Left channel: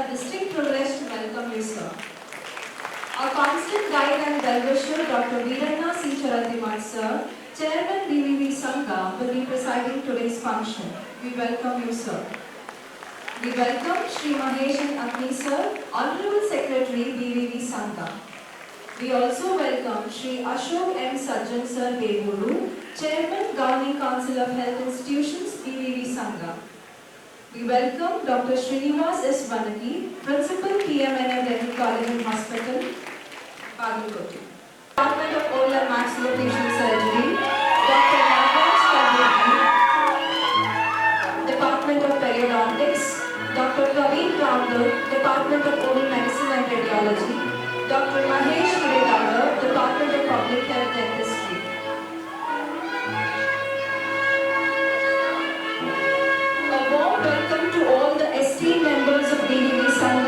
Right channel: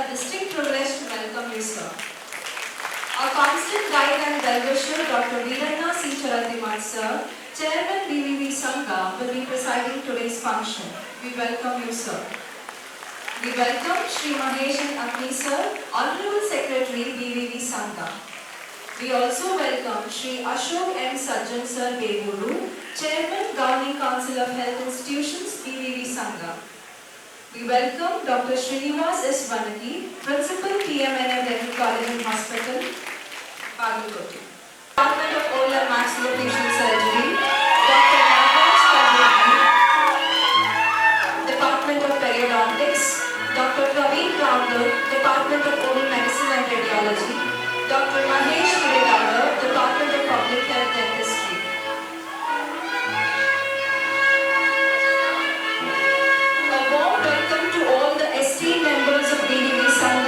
A distinct privilege to welcome you, sir. Our constant guide and well-wisher, Dr. Veeranna C. Charathiman, sir, Chairman BVV Sangha, will be presiding today's function. We welcome you, sir. We welcome Shri Mahesh and Agni, sir, Honorable Secretary BVV Sangha. We also welcome Shri Ashok M. Sajjan, sir, Devuru, Chairman Governing Council of Health Institutions, BVV Sangha. We welcome Dr. Srinivas S. Vanaki, Principal PMNA Dental College and Hospital, Bagalkoti. Department of Oral and Maxillofacial Surgery, Dr. Nagaraj Kandurgi. Department of Periodontics, Dr. Praveen Ramdar, Department of Oral Medicine and Radiology, Dr. Mahesh Kiridara, Department of Public Health Dentistry. A warm welcome to all the esteemed members of BVV Sangha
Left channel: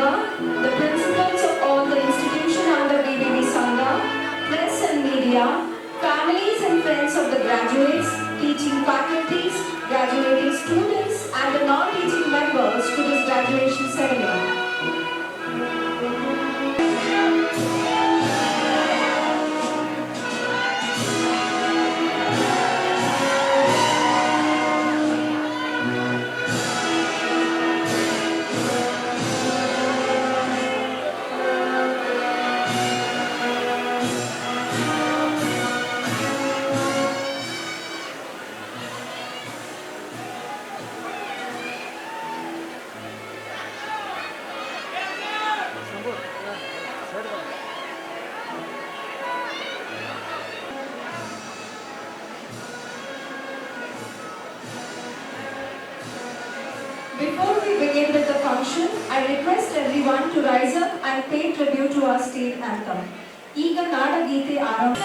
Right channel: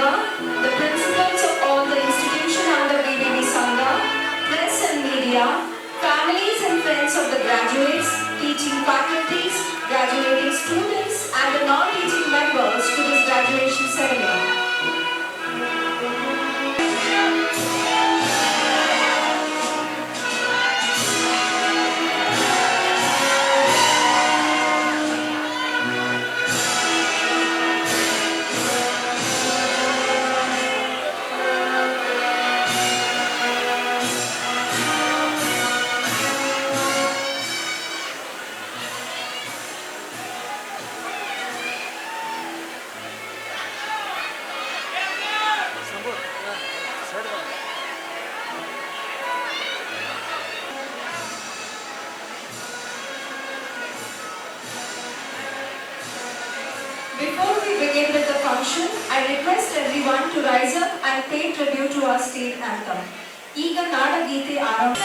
function, I request everyone to rise up and pay tribute to our state anthem. ಈಗ ನಾಡಗೀತೆ ಆರಂಭ.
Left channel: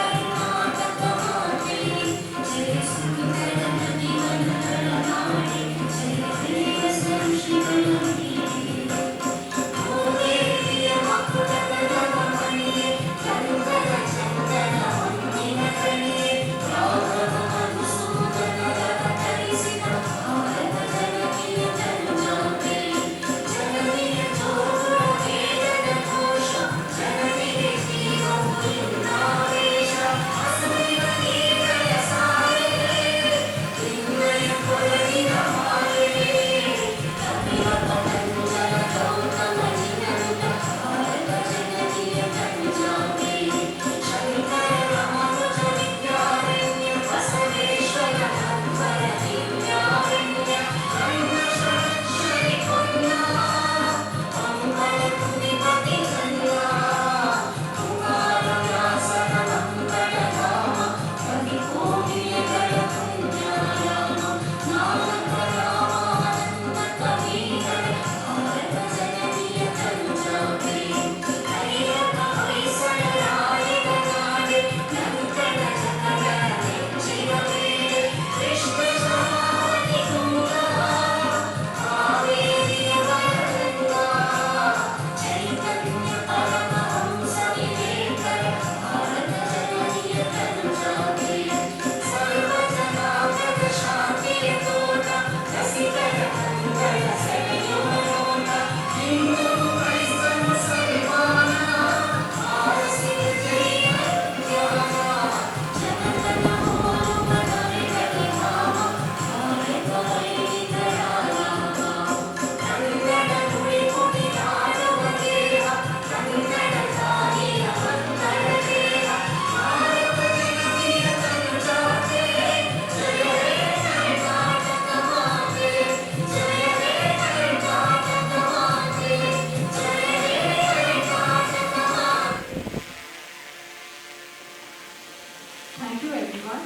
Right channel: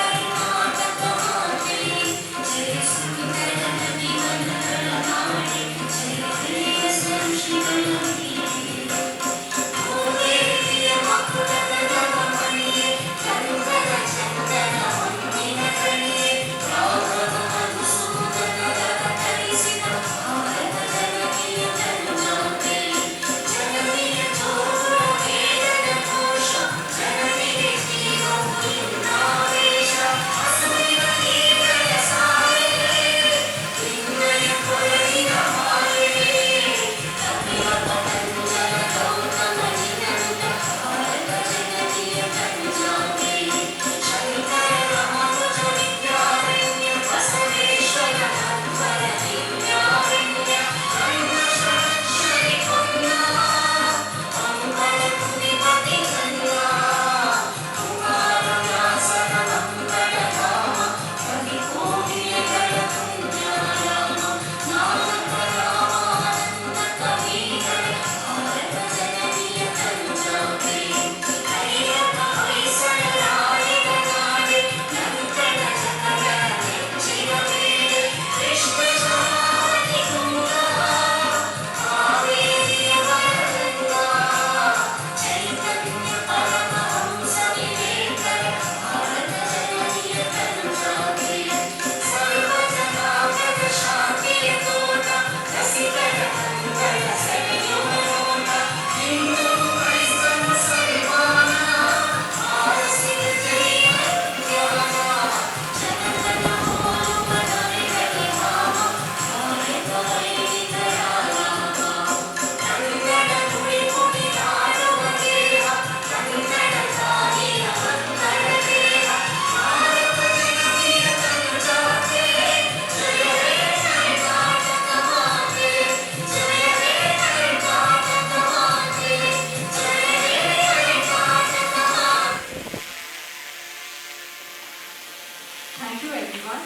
Thank you everyone.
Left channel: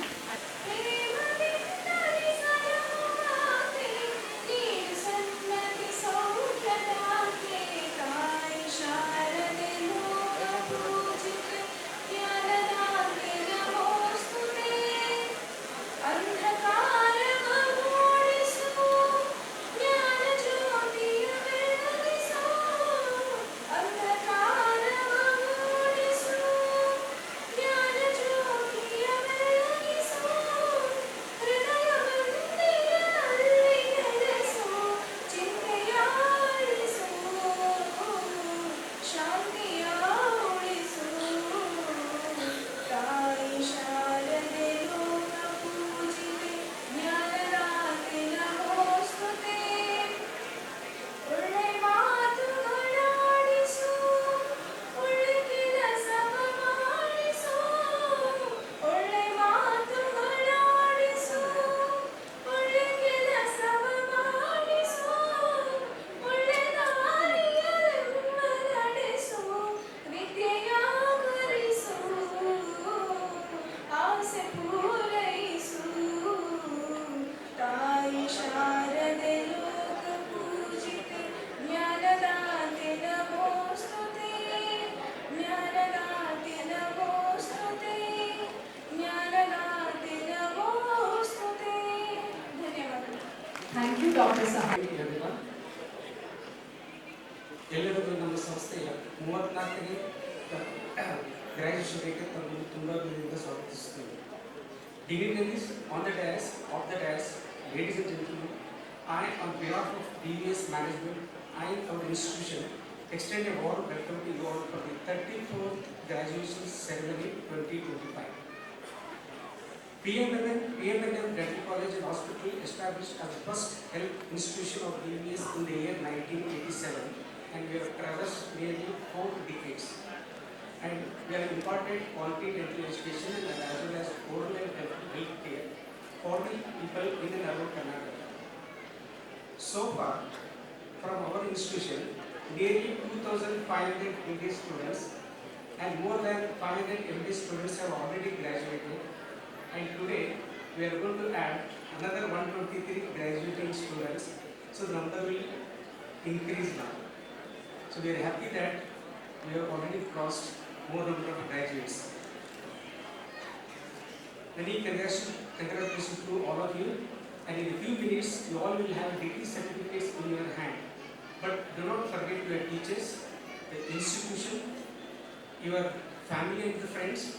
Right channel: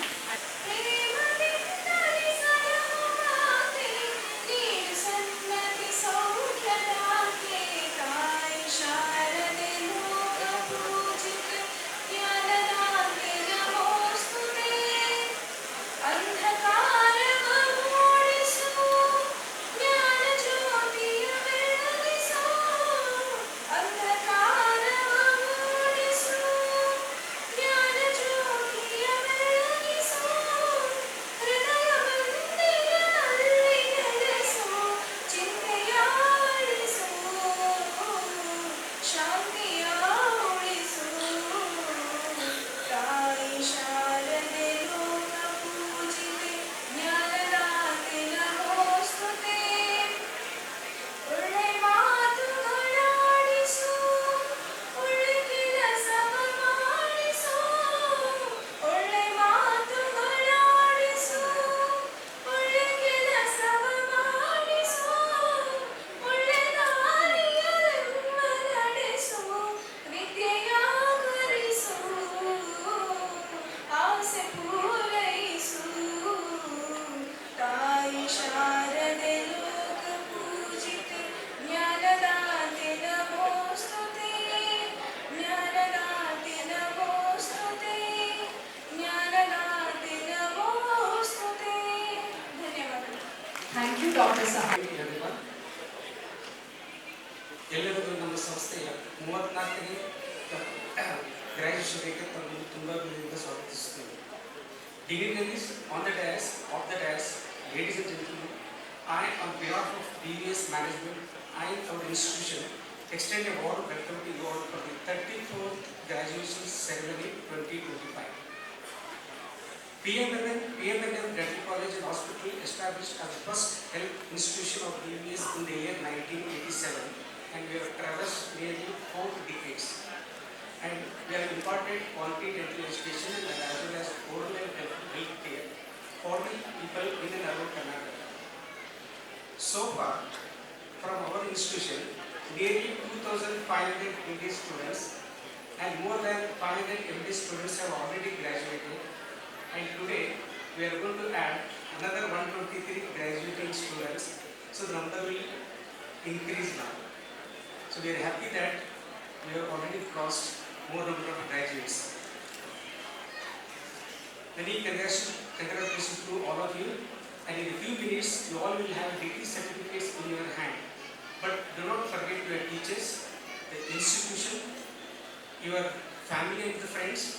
Thank you, Dr. Sahab. ಎಲ್ಲರಿಗೂ ನಮ್ಮ ಸಂಸ್ಥೆಯ 34ನೇ ಗ್ರಾಜ್ಯುಯೇಷನ್ಗೆ ತಮ್ಮನ್ನು ತುಂಬ ಪ್ರೀತಿಯಿಂದ ಸ್ವಾಗತಿಸುತ್ತೇವೆ. Dignitaries on the dais, of the dais, ladies and gentlemen, I, on behalf of DVS management and our institution, extend a warm welcome to you all for the 34th graduation ceremony 2025. PMNM Dental College and Hospital established as the first health institution of DVS in the year 1987, and we have traversed nearly 4 decades. And we have imparted quality dental education as well as oral and health care for the people in and around Karnataka. So far, from our institution, nearly 2,500 MD students and more than 500 MD students have already graduated. And today, we are going to add another 123 graduating students. So the number will increase now. So we are happy that we have already crossed more number of graduates. Many congratulations to all of you, and in a few minutes you all will have degree certificates in your hand. But do not forget your teachers, the institution, your family and the friends,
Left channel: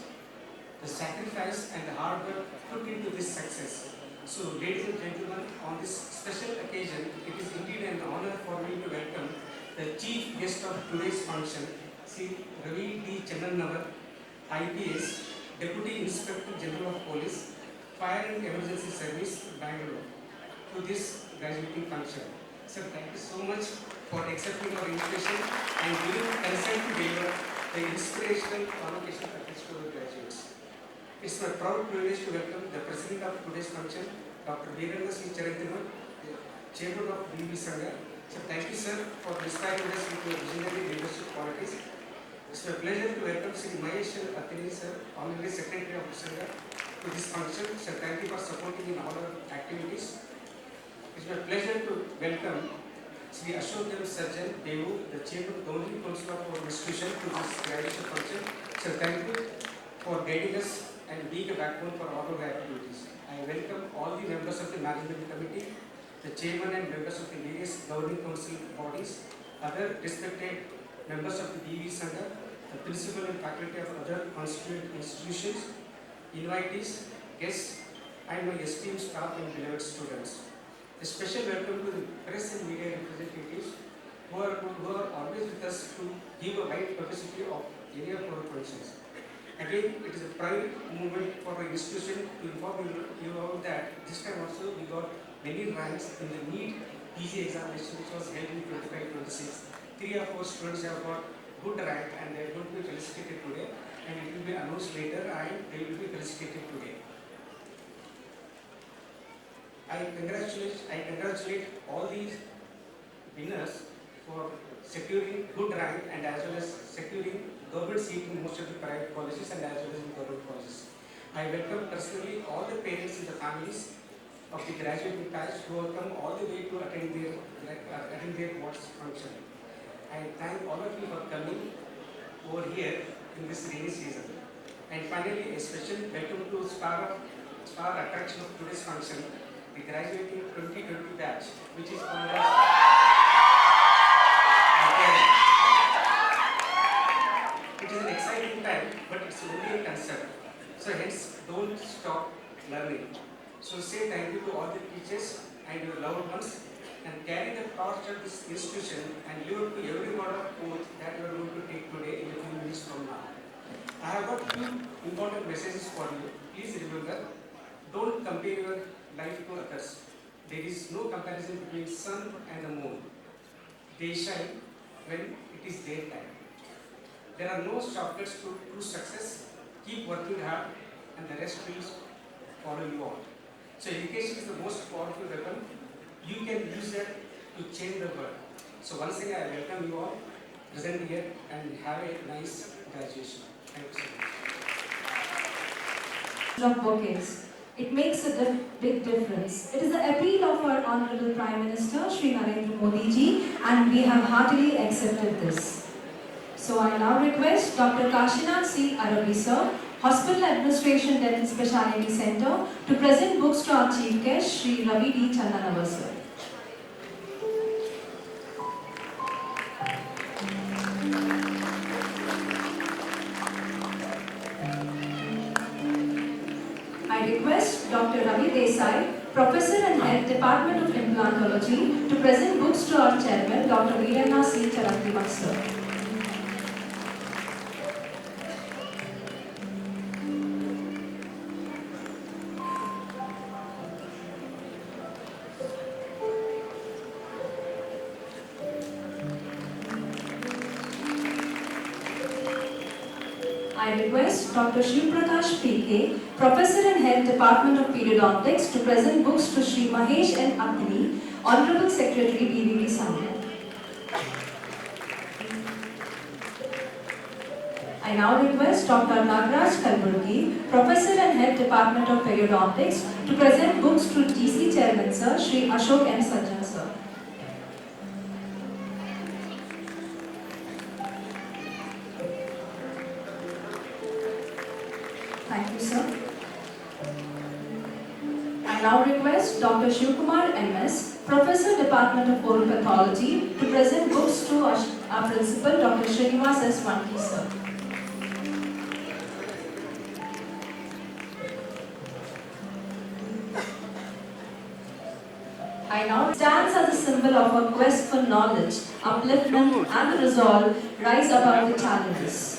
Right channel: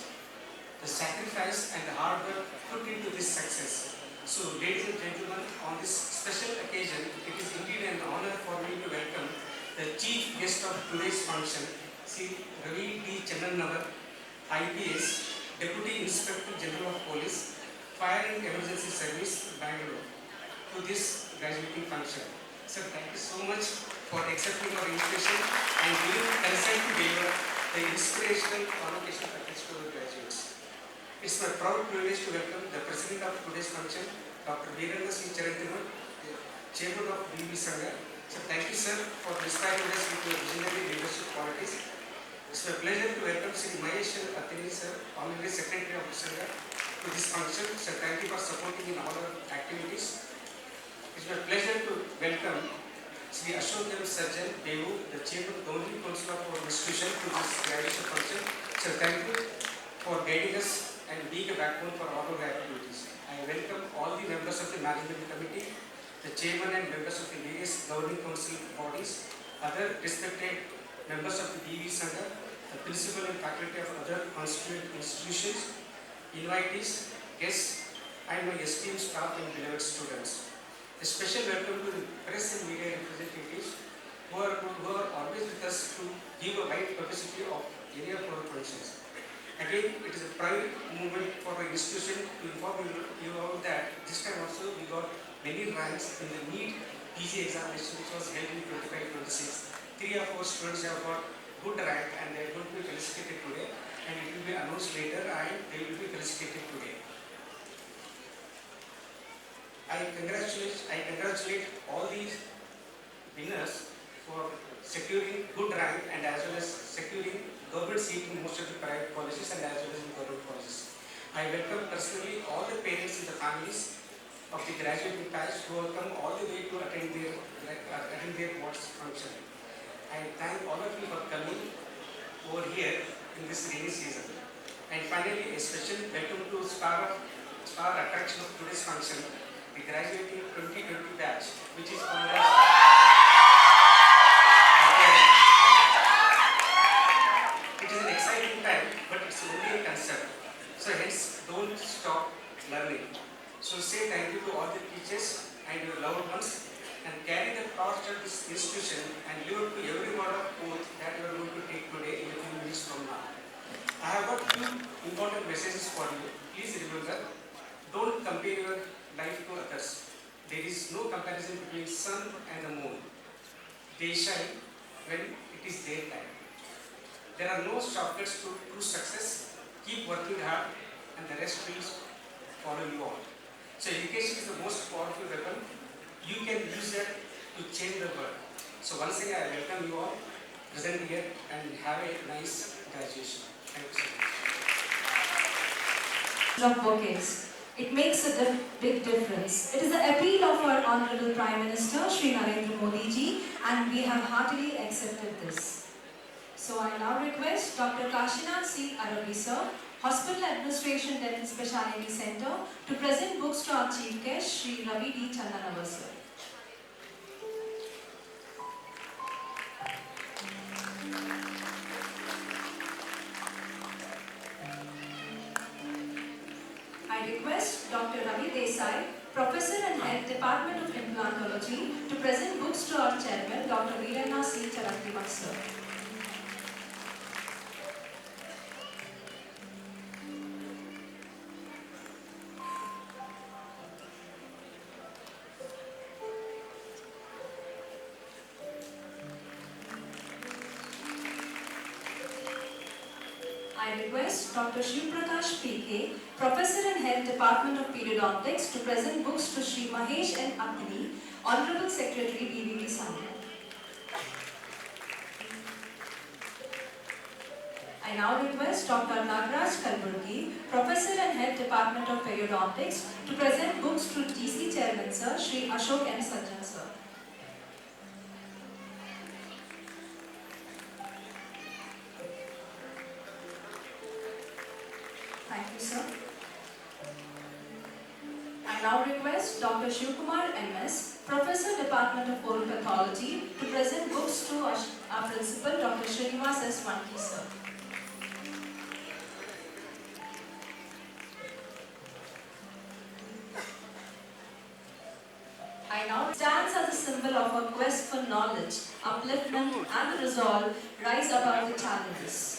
the sacrifice and the hard work put into this success. So ladies and gentlemen, on this special occasion, it is indeed an honor for me to welcome the chief guest of today's function, Sri Ravi D. Channanavar, IPS, Deputy Inspector General of Police, Fire and Emergency Service, Bangalore, to this graduating function. Sir, thank you so much for accepting our invitation and giving consent to deliver the inspirational convocation package to our graduates. It's my proud privilege to welcome the President of today's function, Dr. Veeranna C. Charantimal, the Chairman of DV Sangha. So thank you, sir, for inspiring us with your visionary leadership qualities. It's my pleasure to welcome Sri Mahesh Athini, sir, Honorary Secretary of Sangha, to this function. Sir, thank you for supporting in all our activities. It's my pleasure to welcome Sri Ashok M. Sarjan Devu, the Chairman of the only Council of our institution, to this graduation function. Sir, thank you for guiding us and being a backbone for all our activities. I welcome all the members of the Management Committee, the Chairman and members of the various governing council bodies, other respected members of the DV Sangha, the principal and faculty of other constituent institutions, invitees, guests, and my esteemed staff and beloved students. A special welcome to the press and media representatives who are always with us to give a wide publicity of any of our functions. Again, it is a pride moment for our institution to inform you all that this time also we got many ranks in the NEET PG examination, which was held in 25-26. 3 of our students have got good rank and they are going to be felicitated today, and it will be announced later and they will be felicitated today. I congratulate all these winners for securing good rank and as well as securing government seat in most of the private colleges and as well as in government colleges. I welcome personally all the parents and the families of the graduating batch who have come all the way to attend their board's function. I thank all of you for coming over here in this rainy season. And finally, a special welcome to star attraction of today's function, the graduating 2020 batch, which is called as it is an exciting time, but it's only a concept. So hence, don't stop learning. So say thank you to all the teachers and your loved ones, and carry the torch of this institution and live up to every word of oath that you are going to take today in a few minutes from now. I have got two important messages for you. Please remember, don't compare your life to others. There is no comparison between sun and the moon. They shine when it is their time. There are no shortcuts to true success. Keep working hard and the rest will follow you all. So education is the most powerful weapon. You can use it to change the world. So once again, I welcome you all present here and have a nice graduation. Thank you so much. Of bouquets. It makes a big difference. It is the appeal of our Honorable Prime Minister, Shri Narendra Modi ji, and we have heartily accepted this. So I now request Dr. Kashinath C. Arabi sir, Hospital Administration Dental Specialty Center, to present books to our Chief Guest, Shri Ravi D. Channanavar sir. I request Dr. Ravi Desai, Professor and Head Department of Implantology, to present books to our Chairman, Dr. Veeranna C. Charantimal sir. I request Dr. Shiv Prakash P.K., Professor and Head Department of Periodontics, to present books to Shri Mahesh N. Athini, Honorable Secretary, DVV Sangha. I now request Dr. Nagraj Kalburgi, Professor and Head Department of Periodontics, to present books to TC Chairman Sir, Shri Ashok M. Sarjan Sir. Thank you, sir. I now request Dr. Shivkumar MS, Professor, Department of Oral Pathology, to present books to our principal, Dr. Srinivas S. Vanki, sir. I now stands as a symbol of a quest for knowledge, upliftment, and the resolve rise above the challenges.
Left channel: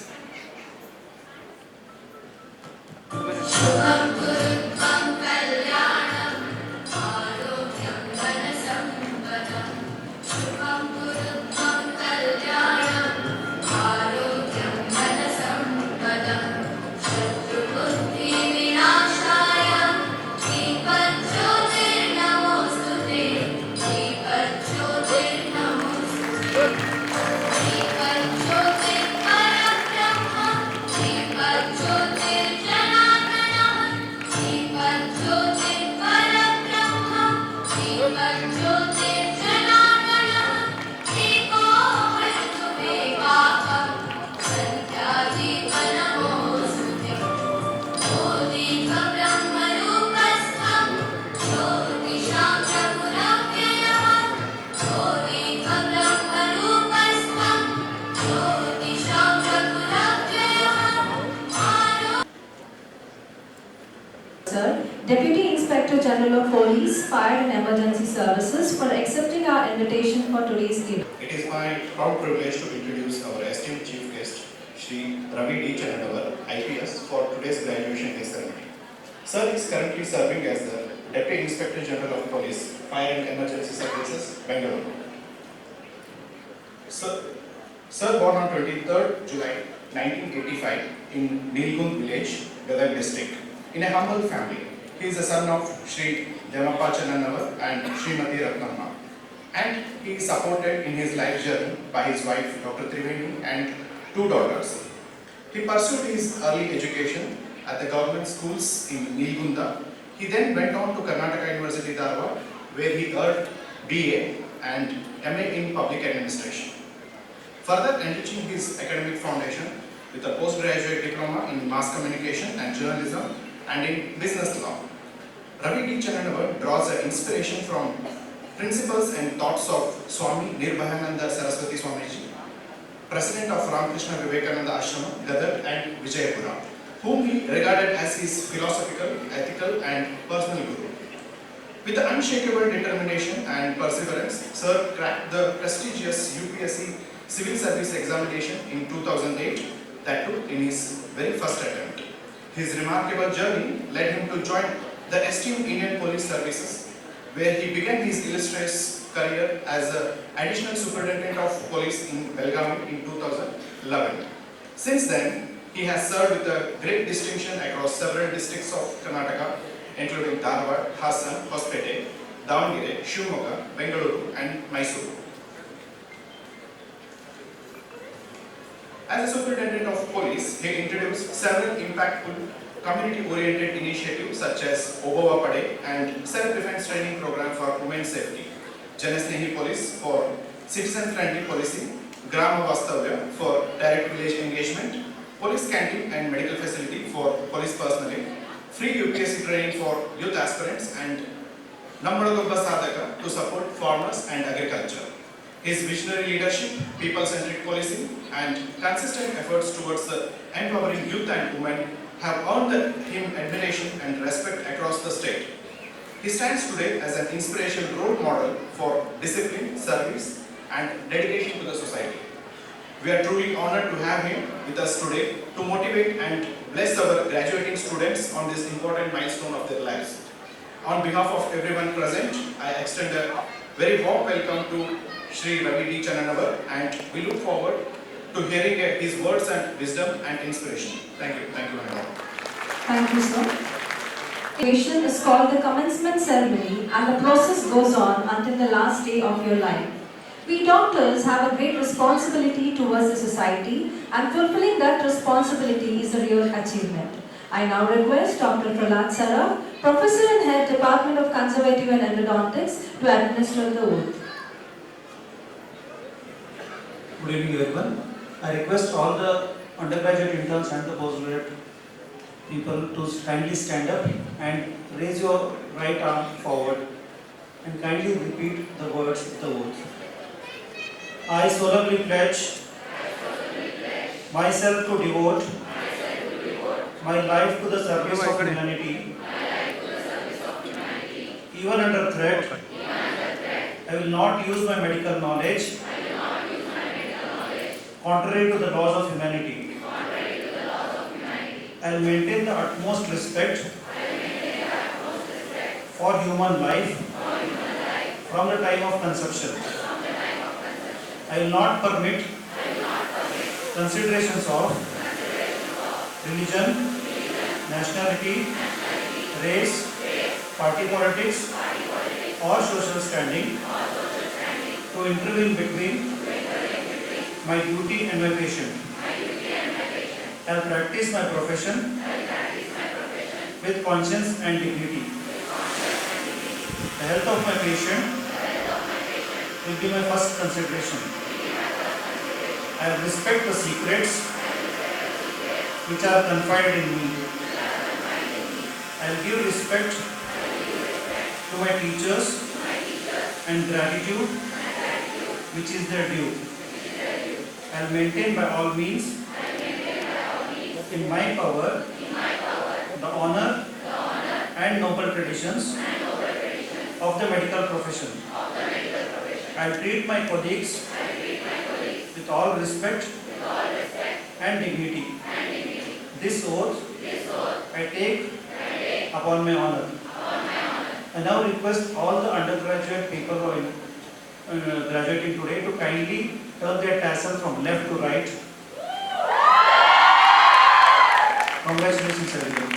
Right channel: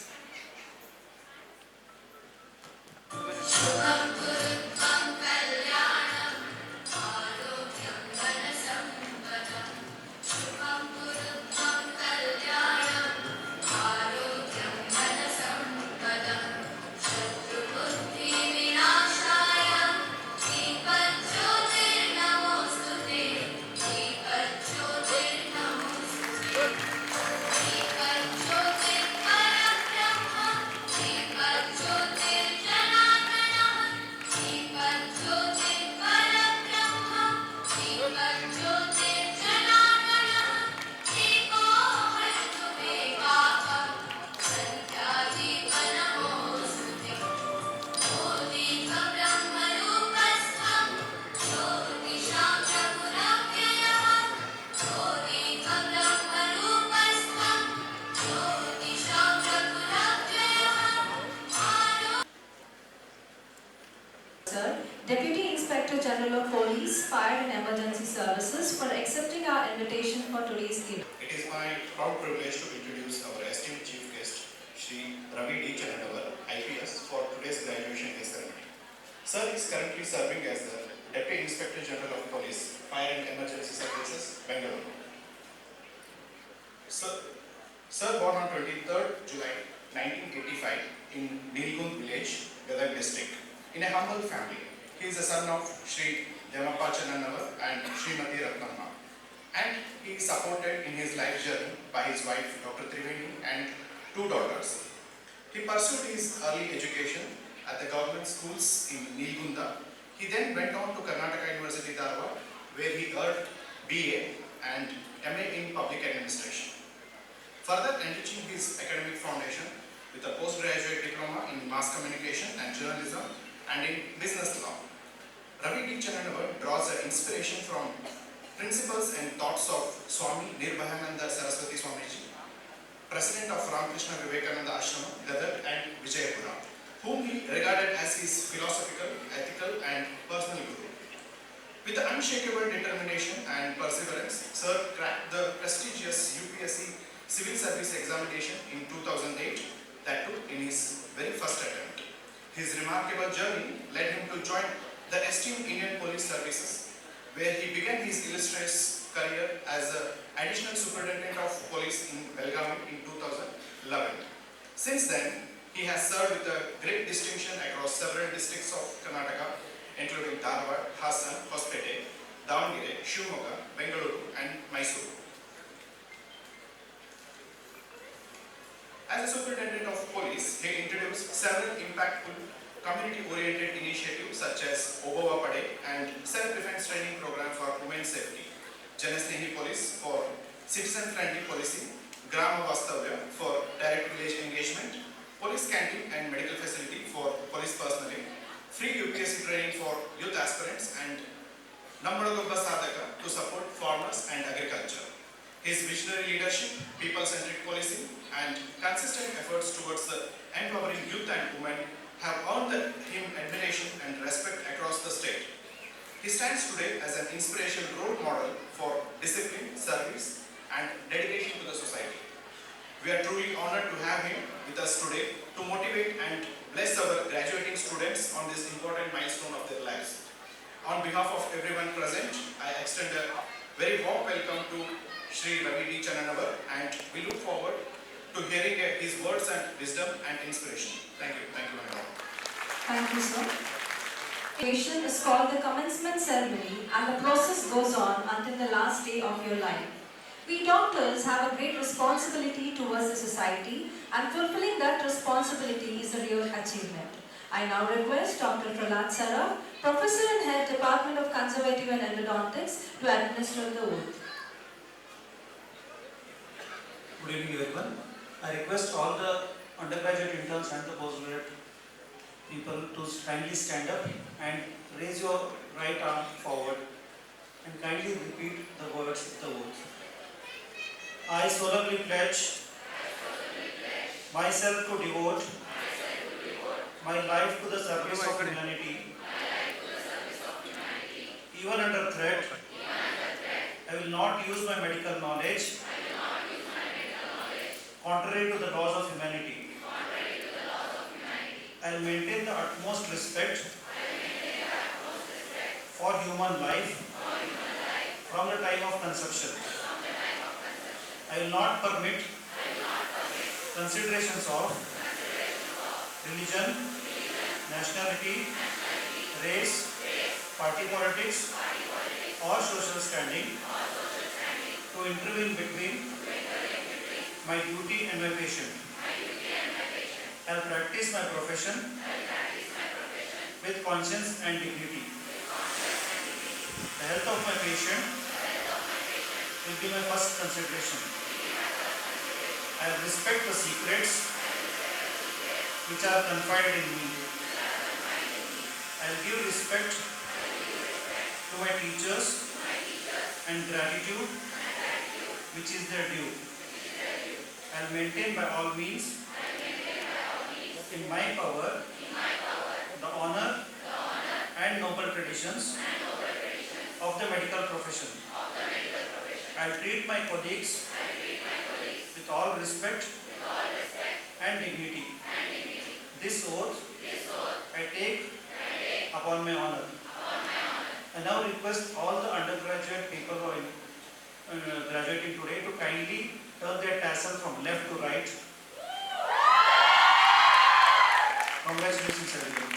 Sir, Deputy Inspector General of Police, Fire and Emergency Services, for accepting our invitation for today's event. It is my proud privilege to introduce our esteemed chief guest, Shri Ravi D. Chandanawar, IPS, for today's graduation day ceremony. Sir is currently serving as the Deputy Inspector General of Police, Fire and Emergency Services, Bengaluru. Sir born on 23rd July 1985 in Nilgund village, Gadag district, in a humble family. He is the son of Shri Devappa Chandanawar and Srimati Ratnamma. And he is supported in his life journey by his wife, Dr. Triveni, and 2 daughters. He pursued his early education at the government schools in Nilgunda. He then went on to Karnataka University, Dharwad, where he earned BA and MA in Public Administration. Further enriching his academic foundation with a postgraduate diploma in Mass Communication and Journalism and in Business Law. Ravi D. Chandanawar draws an inspiration from principles and thoughts of Swami Nirbhayananda Saraswati Swamiji, President of Ramakrishna Vivekananda Ashrama, Gadag and Vijayapura, whom he regarded as his philosophical, ethical and personal guru. With the unshakable determination and perseverance, Sir cracked the prestigious UPSC Civil Service Examination in 2008, that too in his very first attempt. His remarkable journey led him to join the esteemed Indian Police Services, where he began his illustrious career as an additional superintendent of police in Belgaum in 2011. Since then, he has served with a great distinction across several districts of Karnataka, including Dharwad, Hassan, Hospete, Davangere, Shivamogga, Bengaluru and Mysuru. As a superintendent of police, he introduced several impactful community-oriented initiatives such as Obova Pade and self-defense training program for women's safety, Janasnehi Police for citizen-friendly policing, Grama Vastavya for direct village engagement, police canteen and medical facility for police personnel, free UPSC training for youth aspirants, and Nammadagobba Sadhaka to support farmers and agriculture. His visionary leadership, people-centric policing, and consistent efforts towards the empowering youth and women have earned him admiration and respect across the state. He stands today as an inspirational role model for discipline, service, and dedication to the society. We are truly honored to have him with us today to motivate and bless our graduating students on this important milestone of their lives. On behalf of everyone present, I extend a very warm welcome to Shri Ravi D. Chandanawar, and we look forward to hearing his words and wisdom and inspiration. Thank you. Thank you very much. Thank you, sir. Graduation is called the commencement ceremony, and the process goes on until the last day of your life. We doctors have a great responsibility towards the society, and fulfilling that responsibility is a real achievement. I now request Dr. Prahlad Saraf, Professor and Head Department of Conservative and Endodontics, to administer the oath. Good evening, everyone. I request all the undergraduate interns and the postgraduate people to kindly stand up and raise your right arm forward and kindly repeat the words of the oath. I solemnly pledge myself to devote my life to the service of humanity, even under threat. I will not use my medical knowledge contrary to the laws of humanity. I will maintain the utmost respect for human life from the time of conception. I will not permit considerations of religion, nationality, race, party politics, or social standing to intervene between my duty and my patient. I will practice my profession with conscience and dignity. The health of my patient will be my first consideration. I will respect the secrets which are confided in me. I will give respect to my teachers and gratitude which is their due. I will maintain by all means in my power the honor and noble traditions of the medical profession. I will treat my colleagues with all respect and dignity. This oath I take upon my honor. I now request all the undergraduate people who are graduating today to kindly turn their tassel from left to right. Congratulations, everyone.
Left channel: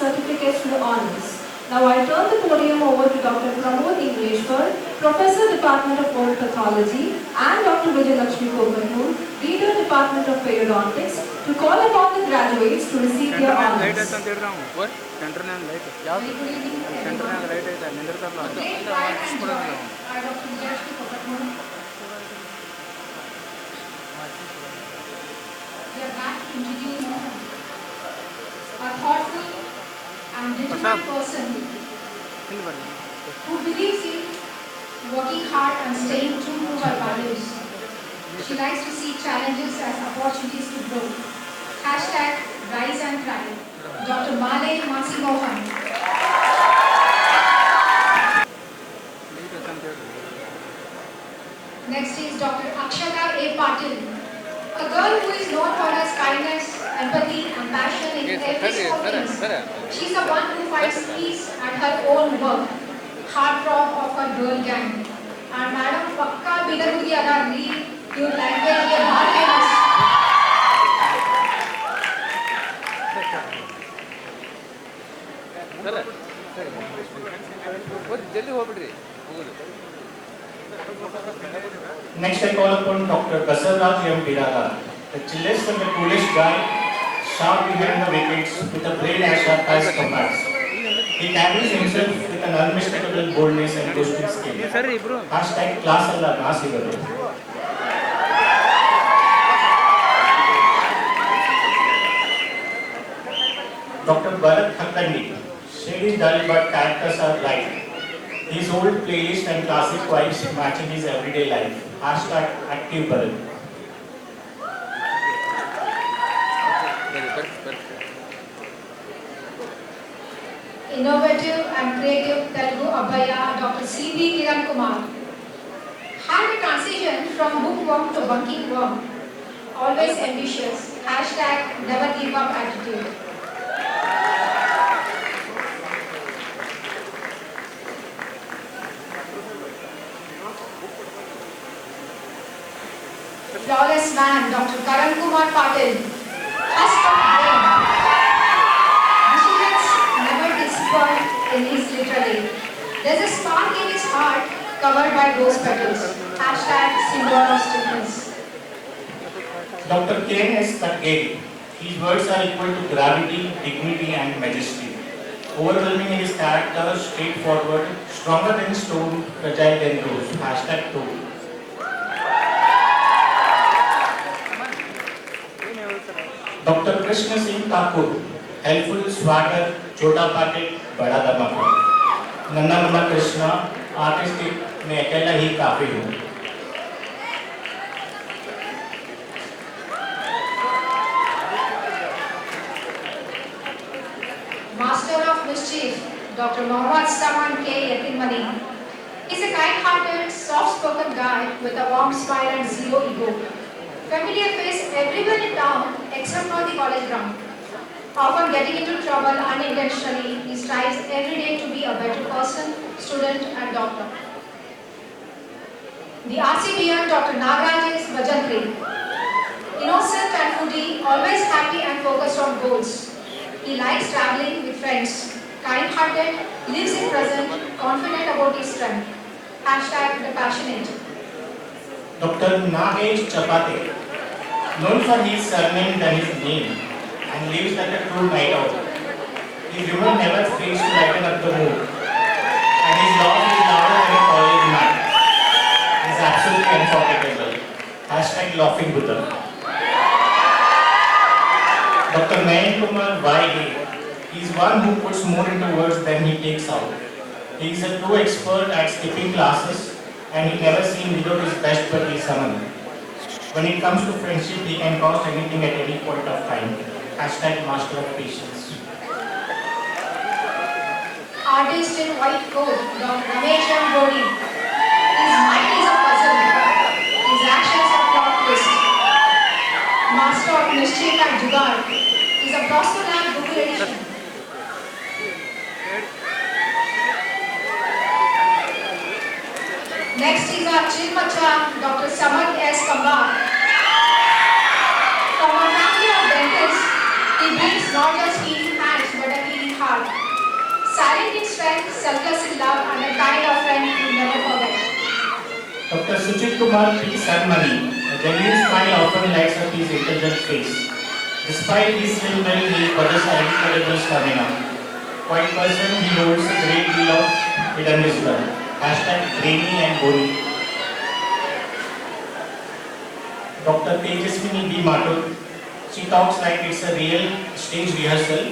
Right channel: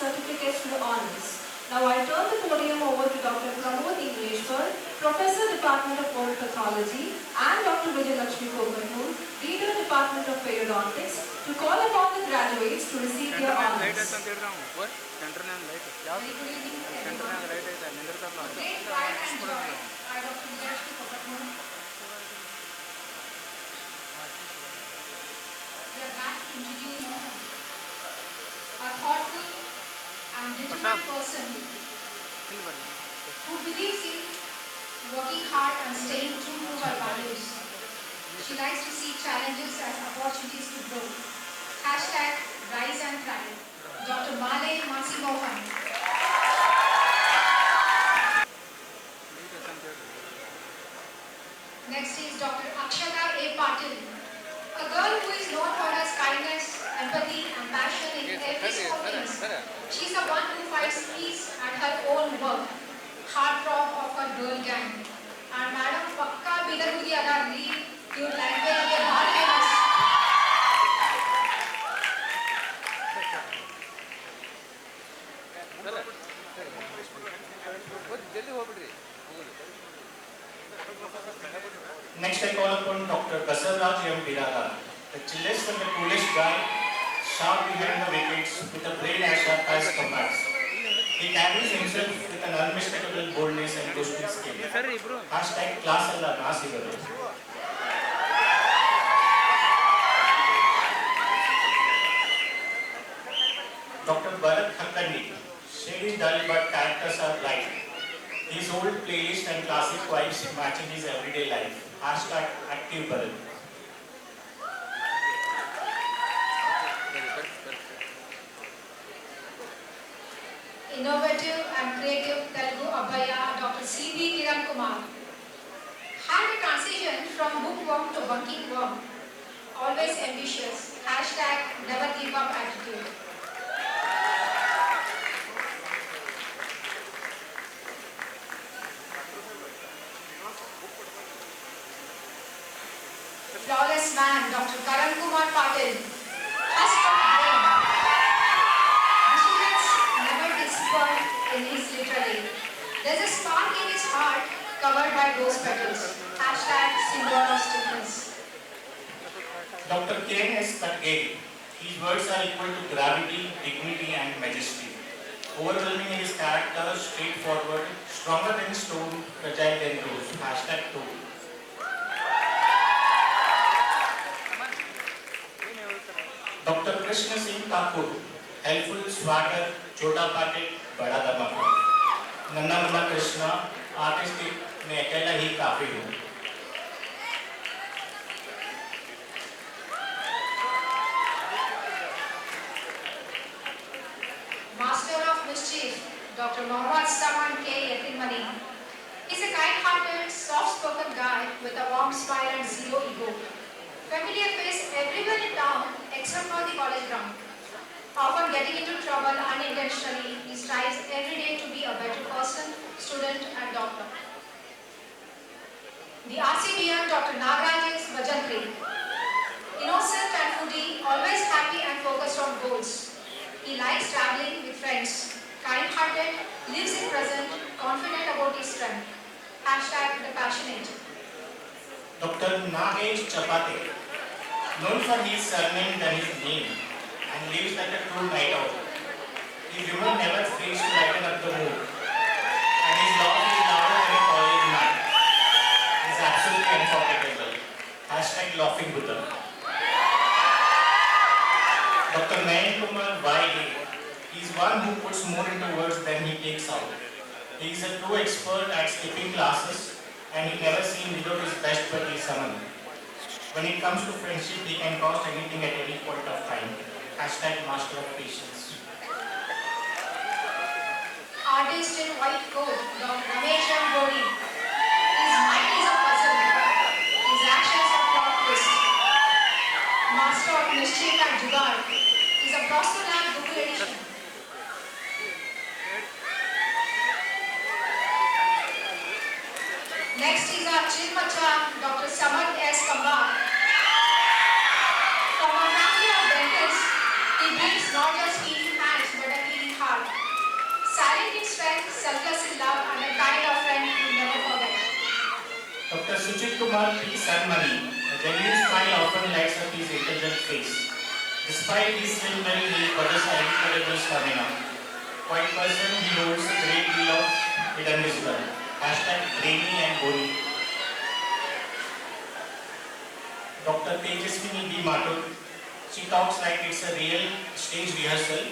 Certificates to the honors. Now I turn the podium over to Dr. Pramod Englishwar, Professor, Department of Oral Pathology, and Dr. Vijayalakshmi Komatur, Leader, Department of Periodontics, to call upon the graduates to receive their honors. We are back to introduce a thoughtful and determined person who believes in working hard and staying true to her values. She likes to see challenges as opportunities to grow. Hashtag Rise and Thrive. Dr. Male Mansi Mohan. Next is Dr. Akshata A. Patil. A girl who is known for her kindness, empathy, and passion in every small things. She's the one who finds peace at her own work. Heartthrob of her girl gang. And Madam Pakka Bidagudi Ada lead your language के बाहर famous. Next, I call upon Dr. Kasarraj M. Biraga, the chillest and the coolest guy, sharp behind the wickets, with a brain as sharp as compass. He carries himself with an unmistakable boldness and boasting skill. Hashtag class alla Nasivaru. Dr. Bharat Khakandi, shade is dull but characters are bright. His old playlist and classic vibes matching his everyday life. Hashtag active Bharat. Innovative and creative Telugu Abhaya, Dr. C.B. Kiran Kumar. Had a transition from bookworm to bunking worm. Always ambitious. Hashtag never give up attitude. Flawless man, Dr. Karan Kumar Patil. Husk of brain. Vigilance never disappoint in his literally. There's a spark in his heart covered by rose petals. Hashtag symbol of strictness. Dr. K.N.S. Katgeri. His words are equal to gravity, dignity and majesty. Overwhelming in his character, straightforward, stronger than stone, fragile than rose. Hashtag 2. Dr. Krishna Singh Thakur, helpful swagger, chota packet, bada dhamaka. Nanda Nanda Krishna, artistic, मैं अकेला ही काफी हूँ. Master of Mischief, Dr. Mohammad Saman K. Yatinmani, is a kind-hearted, soft-spoken guy with a warm smile and zero ego. Familiar face everywhere in town except for the college ground. Often getting into trouble unintentionally, he strives every day to be a better person, student and doctor. The RCBM Dr. Nagaraj is Vajantri. Innocent and foodie, always happy and focused on goals. He likes traveling with friends, kind-hearted, lives in present, confident about his strength. Hashtag the passionate. Dr. Nagesh Chapate, known for his surname than his name, and lives like a true night owl. His humor never fails to lighten up the mood, and his laugh is louder than a college night. He is absolutely unforgettable. Hashtag laughing Buddha. Dr. Nayan Kumar Y.A. He is one who puts more into words than he takes out. He is a true expert at skipping classes, and he never seems below his best but is summoned. When it comes to friendship, he can cost anything at any point of time. Hashtag master of patience. Artist in white coat, Dr. Ramesh M. Gori. His mind is a puzzle. His actions are plot twist. Master of Mischief and Jugaad. Is a Prostonab Google edition. Next is our Chinmacha, Dr. Samad S. Kambar. From a family of dentists, he brings not just healing hands but a healing heart. Silent in strength, selfless in love, and a kind of friend you never forget. Dr. Suchit Kumar P. Sarmani, a genuine smile often lights up his intelligent face. Despite his slim build, he possesses incredible stamina. Quite person, he holds a great deal of hidden wisdom. Hashtag brainy and bony. Dr. Tejaswini B. Mathur, she talks like it's a real stage rehearsal.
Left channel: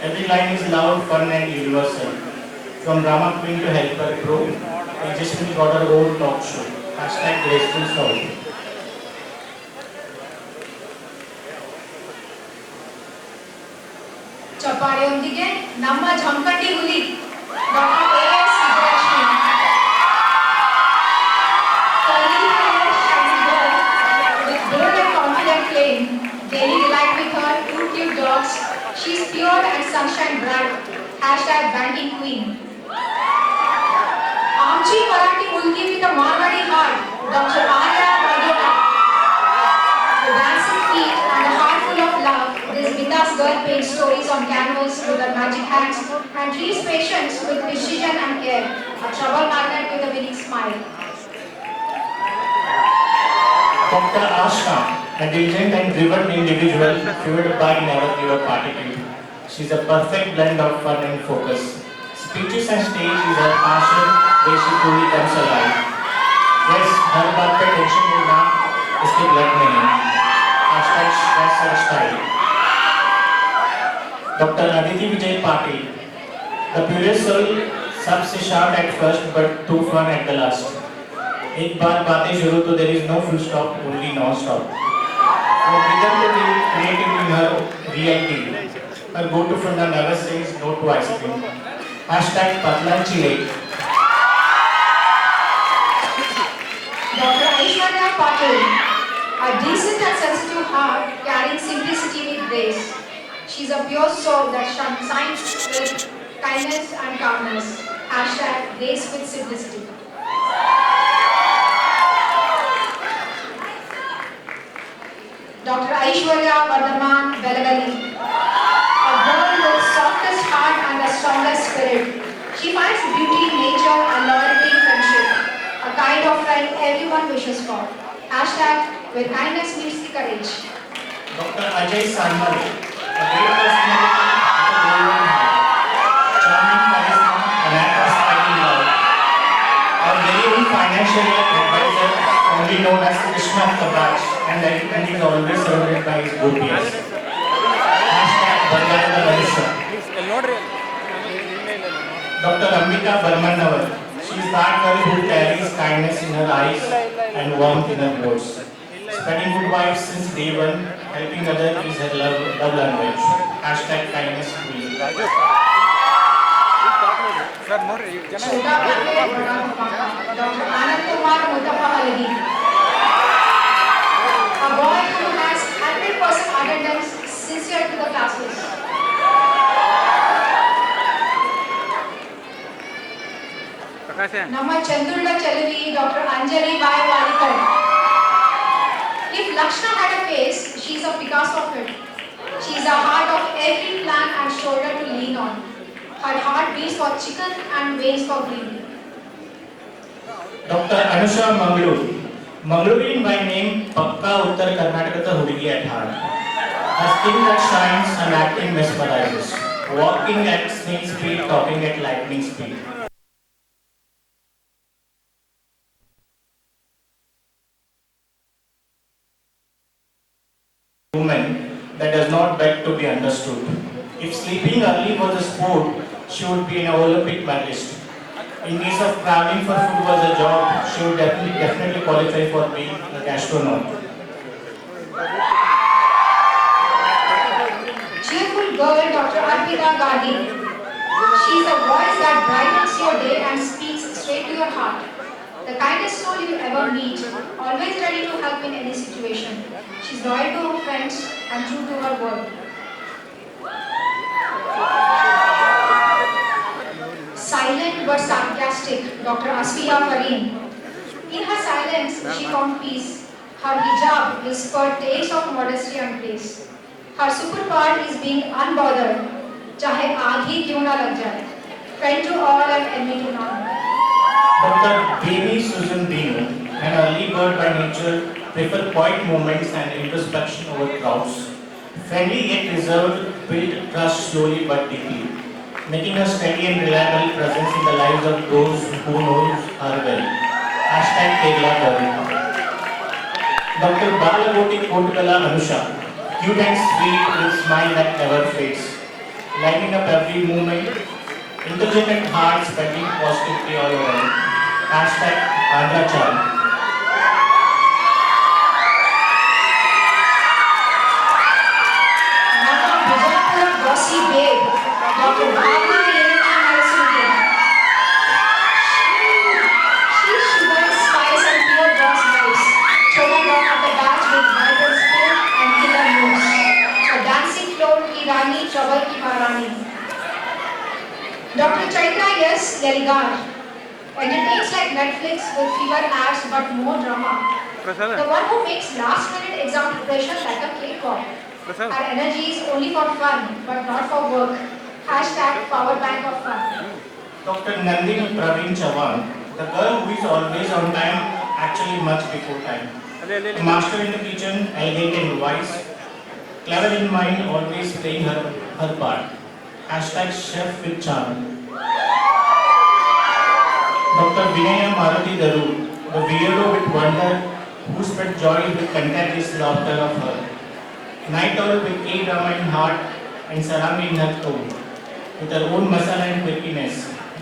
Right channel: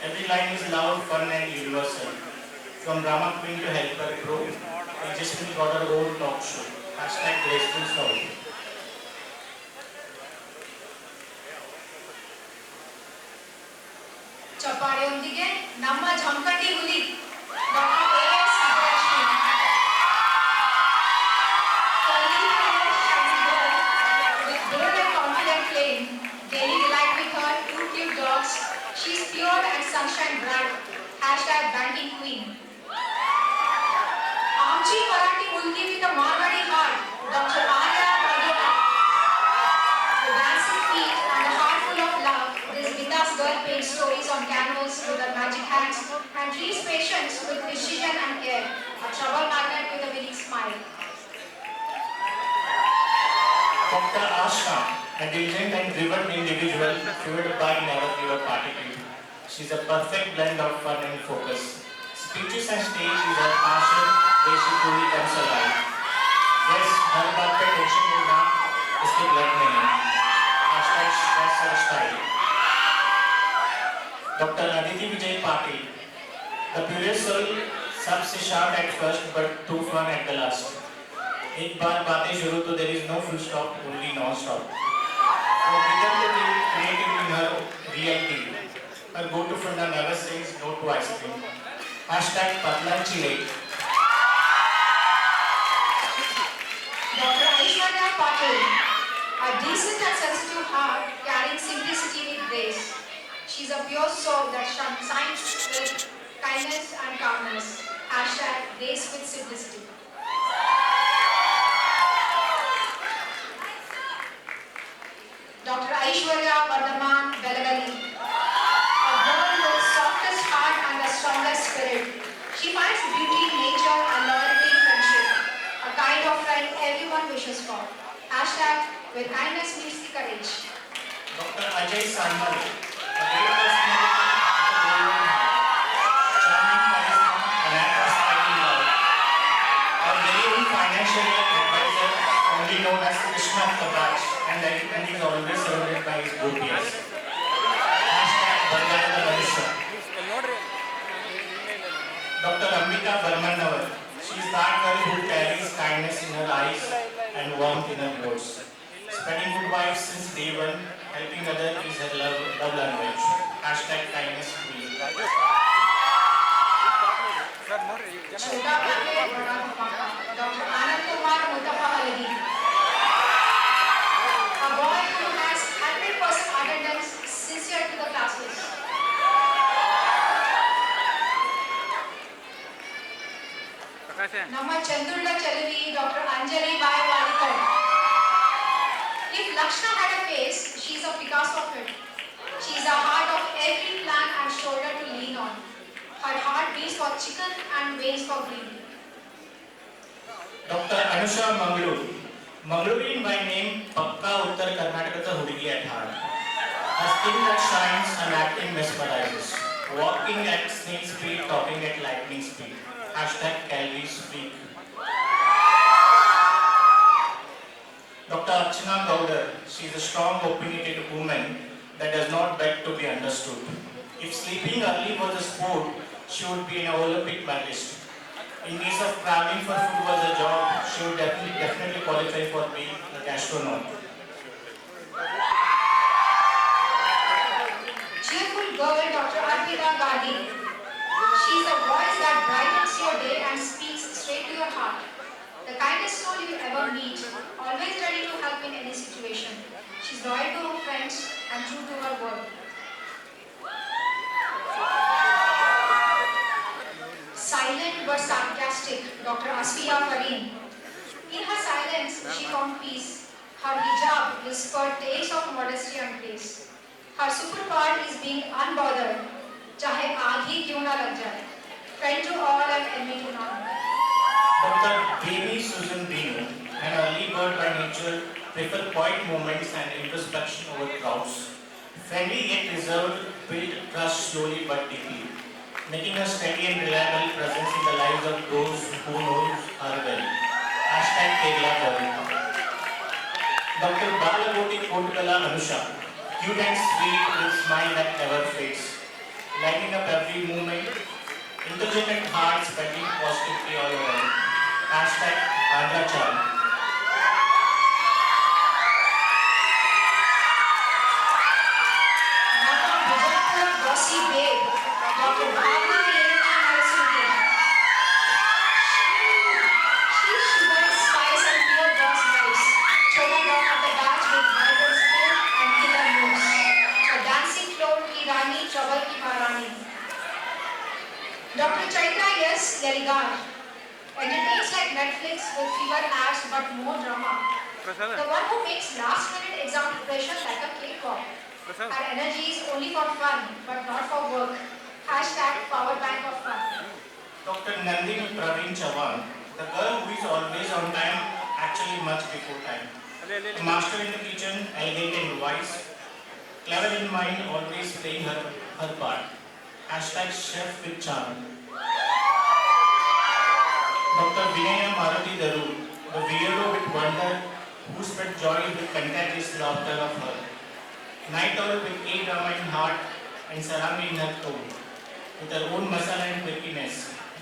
Every line is loud, fun and universal. From drama queen to helper pro, Tejaswini got her own talk show. Hashtag graceful soul. ಚಪ್ಪಾಳೆಯೊಂದಿಗೆ ನಮ್ಮ ಝಂಕಟಿ ಹುಲಿ doctor A.S. Sivarashmi. Curly hair, shiny girl, with bold and confident claim. Daily delight with her two cute dogs. She's pure and sunshine bright. Hashtag banking queen. Amchi Marathi Mulki with a Marwadi heart. Dr. Arya Bagota. The dancing feet and a heart full of love. This Vitas girl paints stories on canvas with her magic hands and treats patients with precision and care. A trouble magnet with a winning smile. Dr. Ashna, a diligent and driven individual fueled by never give up attitude. She's a perfect blend of fun and focus. Speeches and stage is her passion where she truly comes alive. Yes, her बात पे tension लेना इसके blood में है. Hashtag stress और style. Dr. Aditi Vijay Patil, the purest soul, सबसे sharp at first but too fun at the last. एक बार बातें शुरू तो there is no full stop, only non-stop. From rhythm to the creative in her real deal. Her go-to funda never says no to ice cream. Hashtag Patlan Chile. Dr. Aishwarya Patil, a decent and sensitive heart carrying simplicity with grace. She's a pure soul that shines with kindness and calmness. Hashtag grace with simplicity. Dr. Aishwarya Vardhaman Belagali, a girl with softest heart and the strongest spirit. She finds beauty in nature and loyalty in friendship. A kind of friend everyone wishes for. Hashtag where kindness meets courage. Dr. Ajay Sanmali, a great personality with a golden heart. Charming charisma, an act of smiling love. Our very own financial advisor, only known as Krishna Kabaj, and is always surrounded by his gopies. Bargada Manisha. Dr. Ambika Barmannavar. She is that girl who carries kindness in her eyes and warmth in her words. Spreading good vibes since day one, helping others is her love language. Hashtag kindness queen. छोटा करके बड़ा धमाका doctor Anand Kumar मुतफहलगी a boy who has 100% attendance sincere to the classes ನಮ್ಮ ಚಂದ್ರುಳ ಚೆಲುವಿ doctor Anjali Bai Walikar if Lakshna had a face she is a Picasso of it she is a heart of every plan and shoulder to lean on. Her heart beats for chicken and weighs for green. Dr. Anusha Mangaluru. Mangalurian by name, Pakka Uttar Karnataka Hudigi at heart. Her skin that shines and acting mesmerizes. Walking at snail speed, talking at lightning speed. Hashtag Calvi's Freak. Dr. Archana Gowder. She is a strong, opinionated woman that does not beg to be understood. If sleeping early was a sport, she would be an Olympic medalist. In case of traveling for food was a job, she would definitely qualify for being a gastronaut. Cheerful girl, Dr. Arpita Gandhi. She is a voice that brightens your day and speaks straight to your heart. The kindest soul you will ever meet, always ready to help in any situation. She is loyal to her friends and true to her word. Silent but sarcastic, Dr. Asfiya Fareem. In her silence, she found peace. Her hijab is for days of modesty and grace. Her superpower is being unbothered, चाहे आग ही क्यों ना लग जाए. Friend to all and enemy to none. Dr. Devi Susan Dino, an early bird by nature, prefer quiet moments and introspection over crowds. Friendly yet reserved, build trust slowly but deeply, making a steady and reliable presence in the lives of those who know her well. Hashtag Kerala Gavita. Dr. Balagoti Kotkala Anusha, cute and sweet with smile that never fades, lighting up every moment, intelligent heart spreading positivity all around. Hashtag Andhra Child. Nana Bijapura bossy babe, Dr. Bhavna Yenana Narasimha. She's sugar, spice and pure God's vibes. Children run at the batch with vibrant spirit and killer moves. A dancing floor ki Rani, trouble ki Maharani. Dr. Chaitra yes, Yaligar. Entertains like Netflix with fewer ads but more drama. The one who makes last minute exam preparation like a cakewalk. Our energy is only for fun, but not for work. Hashtag power bank of fun. Dr. Nandini Praveen Chavan, the girl who is always on time, actually much before time. A master in the kitchen, elegant and wise, clever in mind, always playing her part. Hashtag chef with charm. Dr. Vinaya Maruti Daru, the weirdo with wonder, who spread joy with contagious laughter of her. Night owl with A-drama in heart and salami in her tone. With her own masala and quirkiness.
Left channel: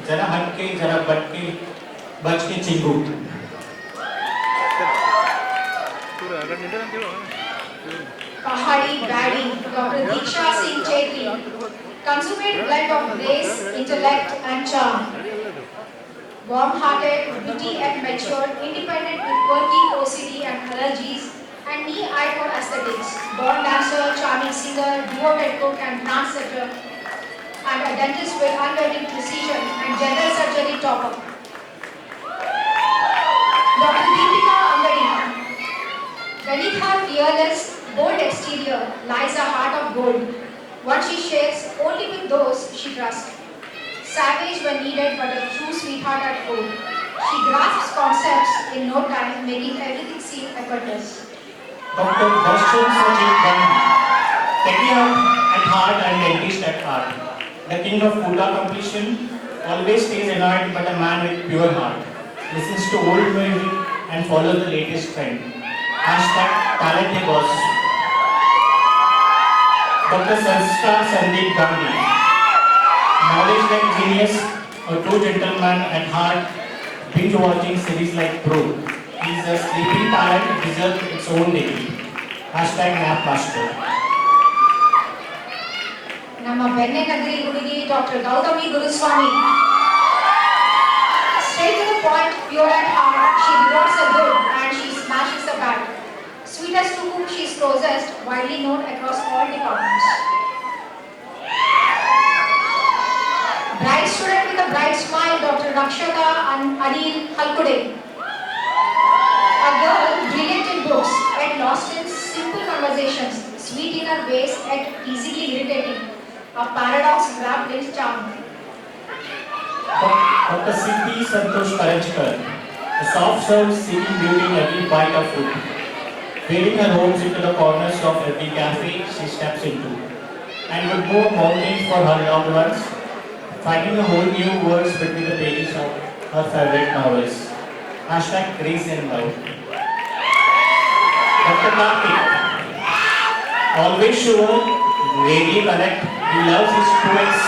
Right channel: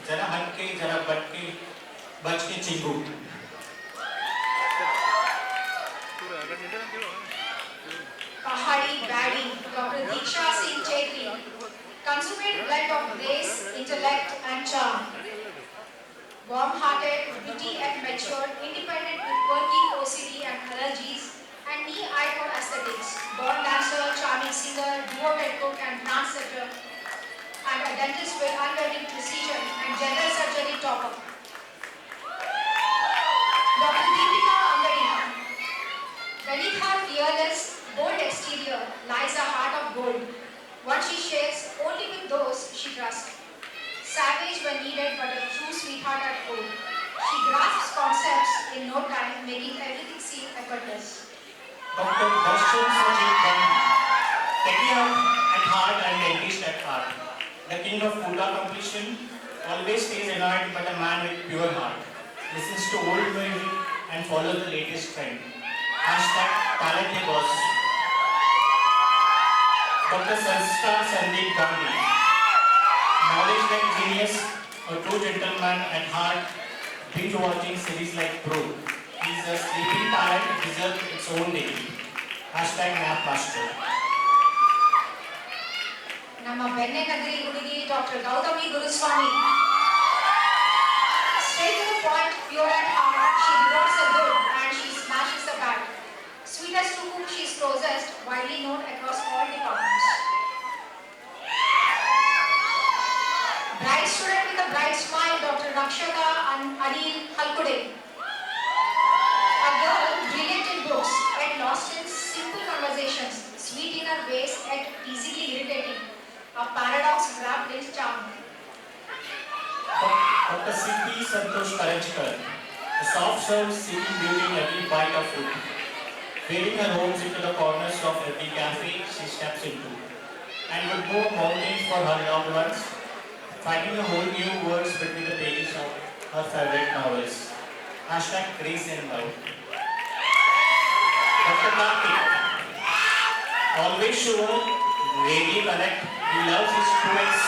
Jara hatke, jara batke, bachke chingu. Pahadi baddie, Dr. Diksha Singh Chetri. Consummate blend of grace, intellect and charm. Warm-hearted, witty and mature, independent with quirky OCD and allergies, and knee-eye for aesthetics. Born dancer, charming singer, devoted cook and trendsetter, and a dentist with unwavering precision and general surgery topper. Dr. Deepika Angadi. Beneath her fearless, bold exterior lies a heart of gold. What she shares only with those she trusts. Savage when needed, but a true sweetheart at home. She grasps concepts in no time, making everything seem effortless. Dr. Darshan Sajid Gandhi, petty at heart and dentist at heart. The king of Buddha completion, always stays annoyed but a man with pure heart. Listens to old music and follows the latest trend. Hashtag talent है boss. Dr. Sanskar Sandeep Gandhi, knowledge like genius, a true gentleman at heart, binge-watching series like Pro. He's a sleeping talent, deserves its own degree. Hashtag NapMaster. ನಮ್ಮ ಬೆಣ್ಣೆನಗರಿ ಹುಡುಗಿ doctor Gautami Guruswamy. Straight to the point, pure at heart, she rewards the good and she smashes the bad. Sweetest to whom she is closest, widely known across all departments. Bright student with a bright smile, Dr. Rakshata Anil Halkude. A girl brilliant in books, yet lost in simple conversations, sweet in her ways, yet easily irritating. A paradox wrapped in charm. Dr. Siddhi Santosh Karanchkar, a soft-served seeking beauty in every bite of food. Weaving her homes into the corners of every cafe she steps into. And would move mountains for her loved ones, finding a whole new world between the pages of her favorite novels. Hashtag Grace and Love. Dr. Karthik, always sure, rarely correct, he loves his students,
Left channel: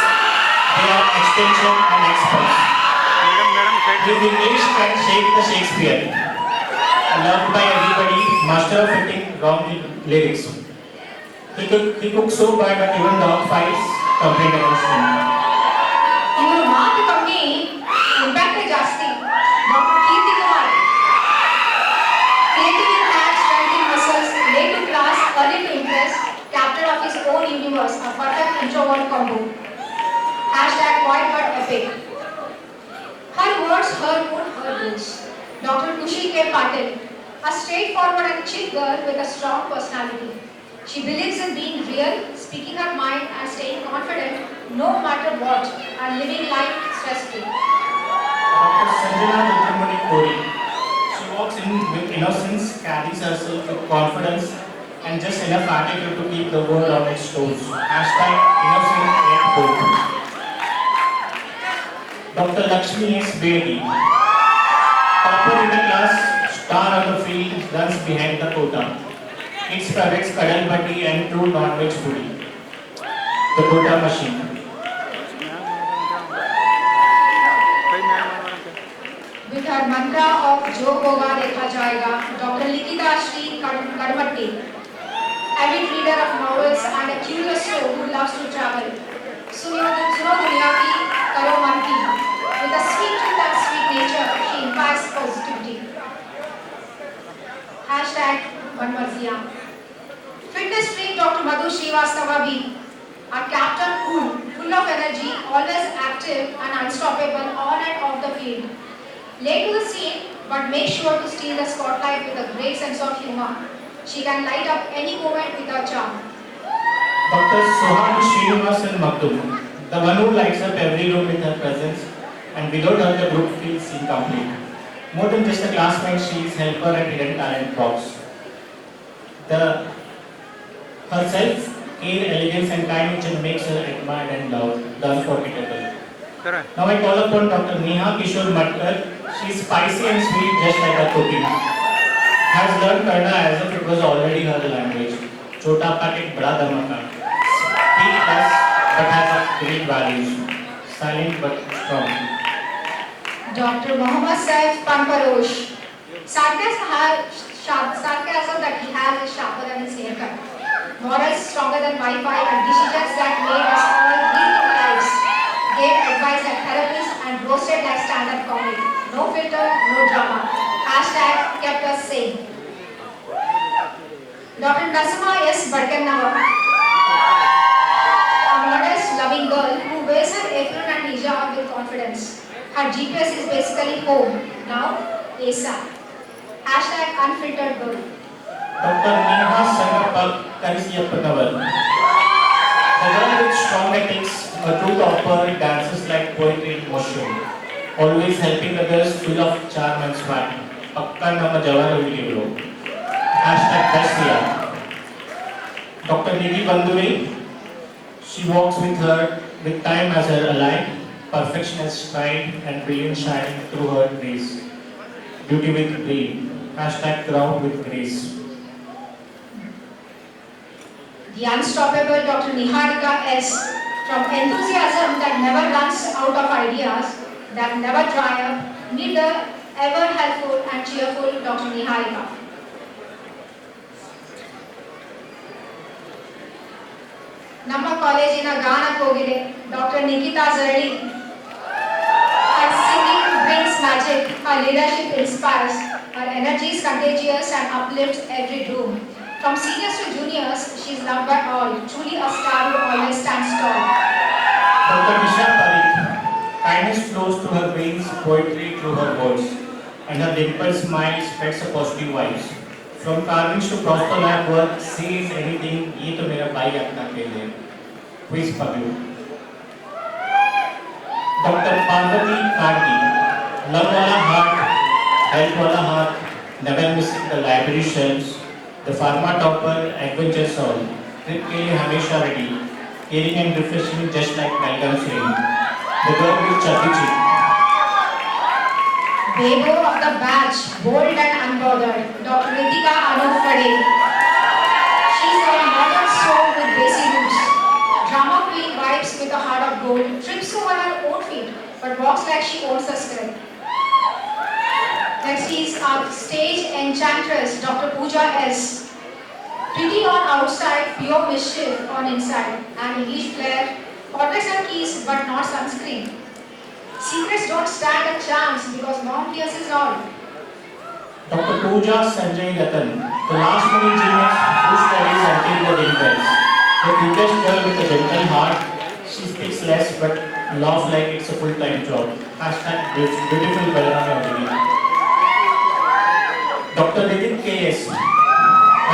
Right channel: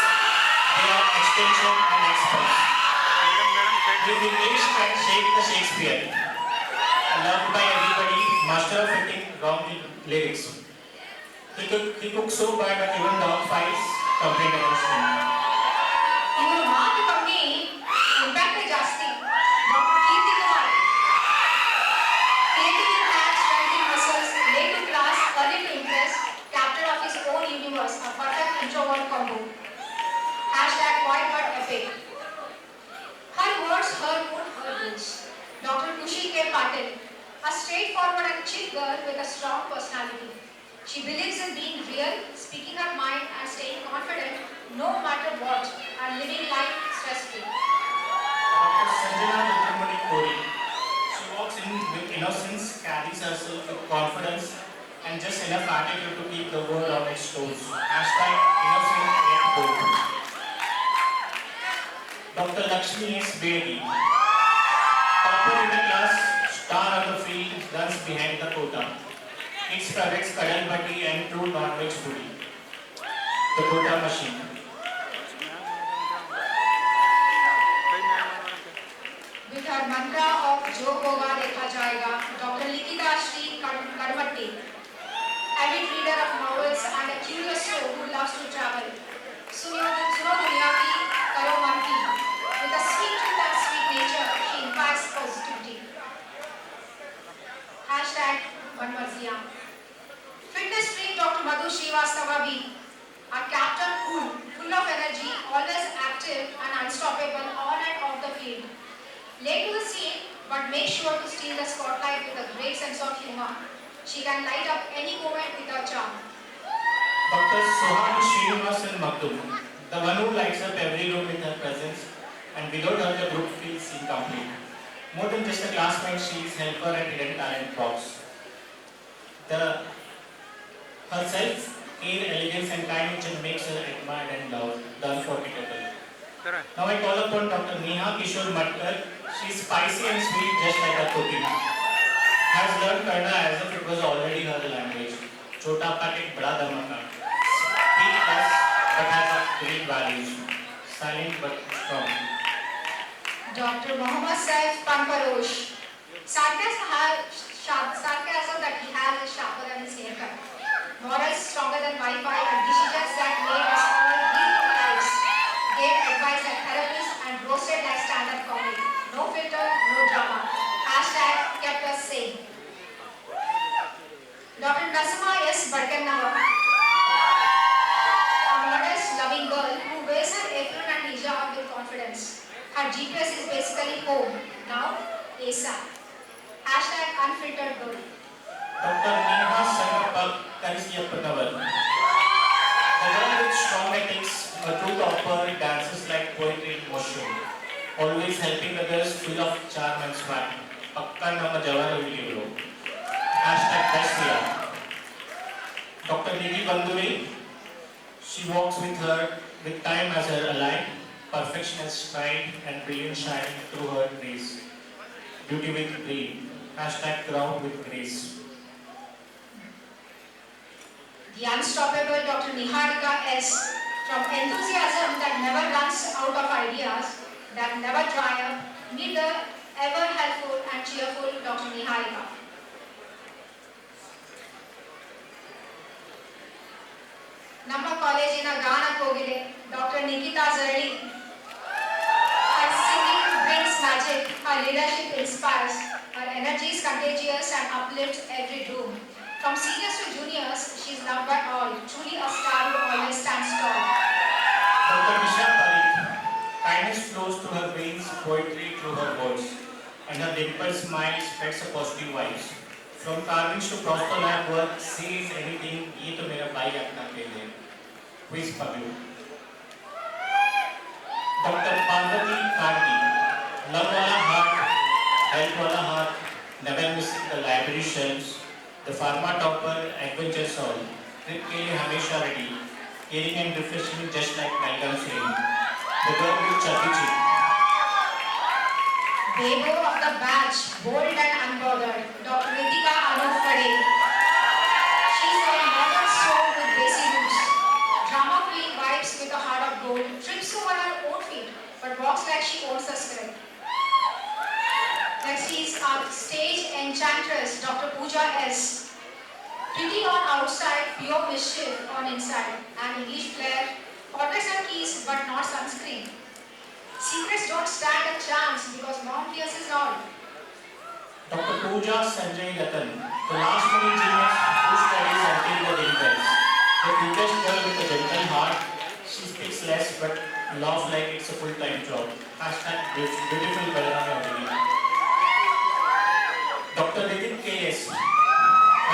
they are extension and experts. His English can shake the Shakespeare. Loved by everybody, master of fitting wrong lyrics. He cooks so bad that even dog fights complain against him. ಇವರು ಮಾತು ಕಮ್ಮಿ impact ಜಾಸ್ತಿ. Doctor Keerthi Kumar. Creative in hands, strength in muscles, late to class, early to impress, captain of his own universe, a perfect introvert combo. Hashtag quiet but epic. Her words, her mood, her rules. Dr. Tushi K. Patil, a straightforward and chill girl with a strong personality. She believes in being real, speaking her mind and staying confident no matter what and living life stress-free. Dr. Sanjana Dudhamani Kori, she walks in with innocence, carries herself with confidence, and just enough attitude to keep the world on its toes. Hashtag innocent yet bold. Dr. Lakshmi S. Bedi, topper in the class, star on the field, runs behind the quota. Eats private Kadal Bhatti and true non-veg foodie. The quota machine. With her mantra of Jo Hoga Dekha Jayega, Dr. Likita Shri Kadmatti, avid reader of novels and a curious soul who loves to travel. Suno Dunya Ki Karo Man Ki. With a sweet tooth and sweet nature, she imparts positivity. Hashtag Manmarzia. Fitness freak Dr. Madhu Srivastava B. A captain cool, full of energy, always active and unstoppable on and off the field. Late to the scene, but make sure to steal the spotlight with a great sense of humor. She can light up any moment with her charm. Dr. Sohani Srinivasan Maktum, the one who lights up every room with her presence, and without her the group feels incomplete. More than just a classmate, she is helper and hidden talent props. Her self-care, elegance and kind nature makes her admired and loved, the unforgettable. Now I call upon Dr. Neha Kishore Matkar. She is spicy and sweet just like a cookie. Has learned Kannada as if it was already her language. Chota packet, bada dhamaka. Speak less but has great values. Silent but strong. Dr. Mohammad Saif Panparosh. Sarcasm that he has is sharper than his haircut. Morals stronger than Wi-Fi and decisions that made us all read our lives. Gave advice at therapists and roasted like stand-up comedy. No filter, no drama. Hashtag kept us sane. Dr. Nasima S. Badkannavar. A modest, loving girl who wears her apron and hijab with confidence. Her GPS is basically home. Now, ASAP. Hashtag unfiltered girl. Dr. Neha Sangapak Karisiyapanavar. The girl with strong ethics, a true topper, dances like poetry in motion. Always helping others, full of charm and swag. Pakka nama Jawahar Video. Hashtag best year. Dr. Nidhi Bandure. She walks with time as her ally, perfection as stride and brilliant shine through her grace. Beauty with brain. Hashtag crown with grace. The unstoppable Dr. Niharika S. From enthusiasm that never runs out of ideas, that never dry up, meet the ever helpful and cheerful Dr. Niharika. ನಮ್ಮ ಕಾಲೇಜಿನ ಗಾನ ಕೋಗಿಲೆ Dr. Nikita Zarali. Her singing brings magic, her leadership inspires, her energy is contagious and uplifts every room. From seniors to juniors, she is loved by all, truly a star who always stands tall. Dr. Nisha Parikh, kindness flows through her veins, poetry through her words, and her dimple smile spreads a positive vibes. From carvings to prosper lab work, say anything, ye to mera bhai apna ke liye. Quiz Pablu. Dr. Parvati Karti, love wala heart, help wala heart, never missing the library shelves, the pharma topper, adventure soul, trip ke liye hamesha ready, caring and refreshing just like Malcolm Singh, the girl with chubby cheek. Bego of the batch, bold and unbothered, Dr. Ritika Anup Kade. She's a modern soul with basic roots. Drama queen vibes with a heart of gold, trips over her own feet, but walks like she owns the script. Next is our stage enchantress, Dr. Pooja S. Pretty on outside, pure mischief on inside, an English flair, portraits and keys but not sunscreen. Secrets don't stand a chance because mom pierces all. Dr. Pooja Sanjay Ratan, the last minute genius who studies until the day bells. The cutest girl with a gentle heart, she speaks less but laughs like it's a full-time job. Hashtag beautiful Belrame Odili. Dr. Nitin K.S.,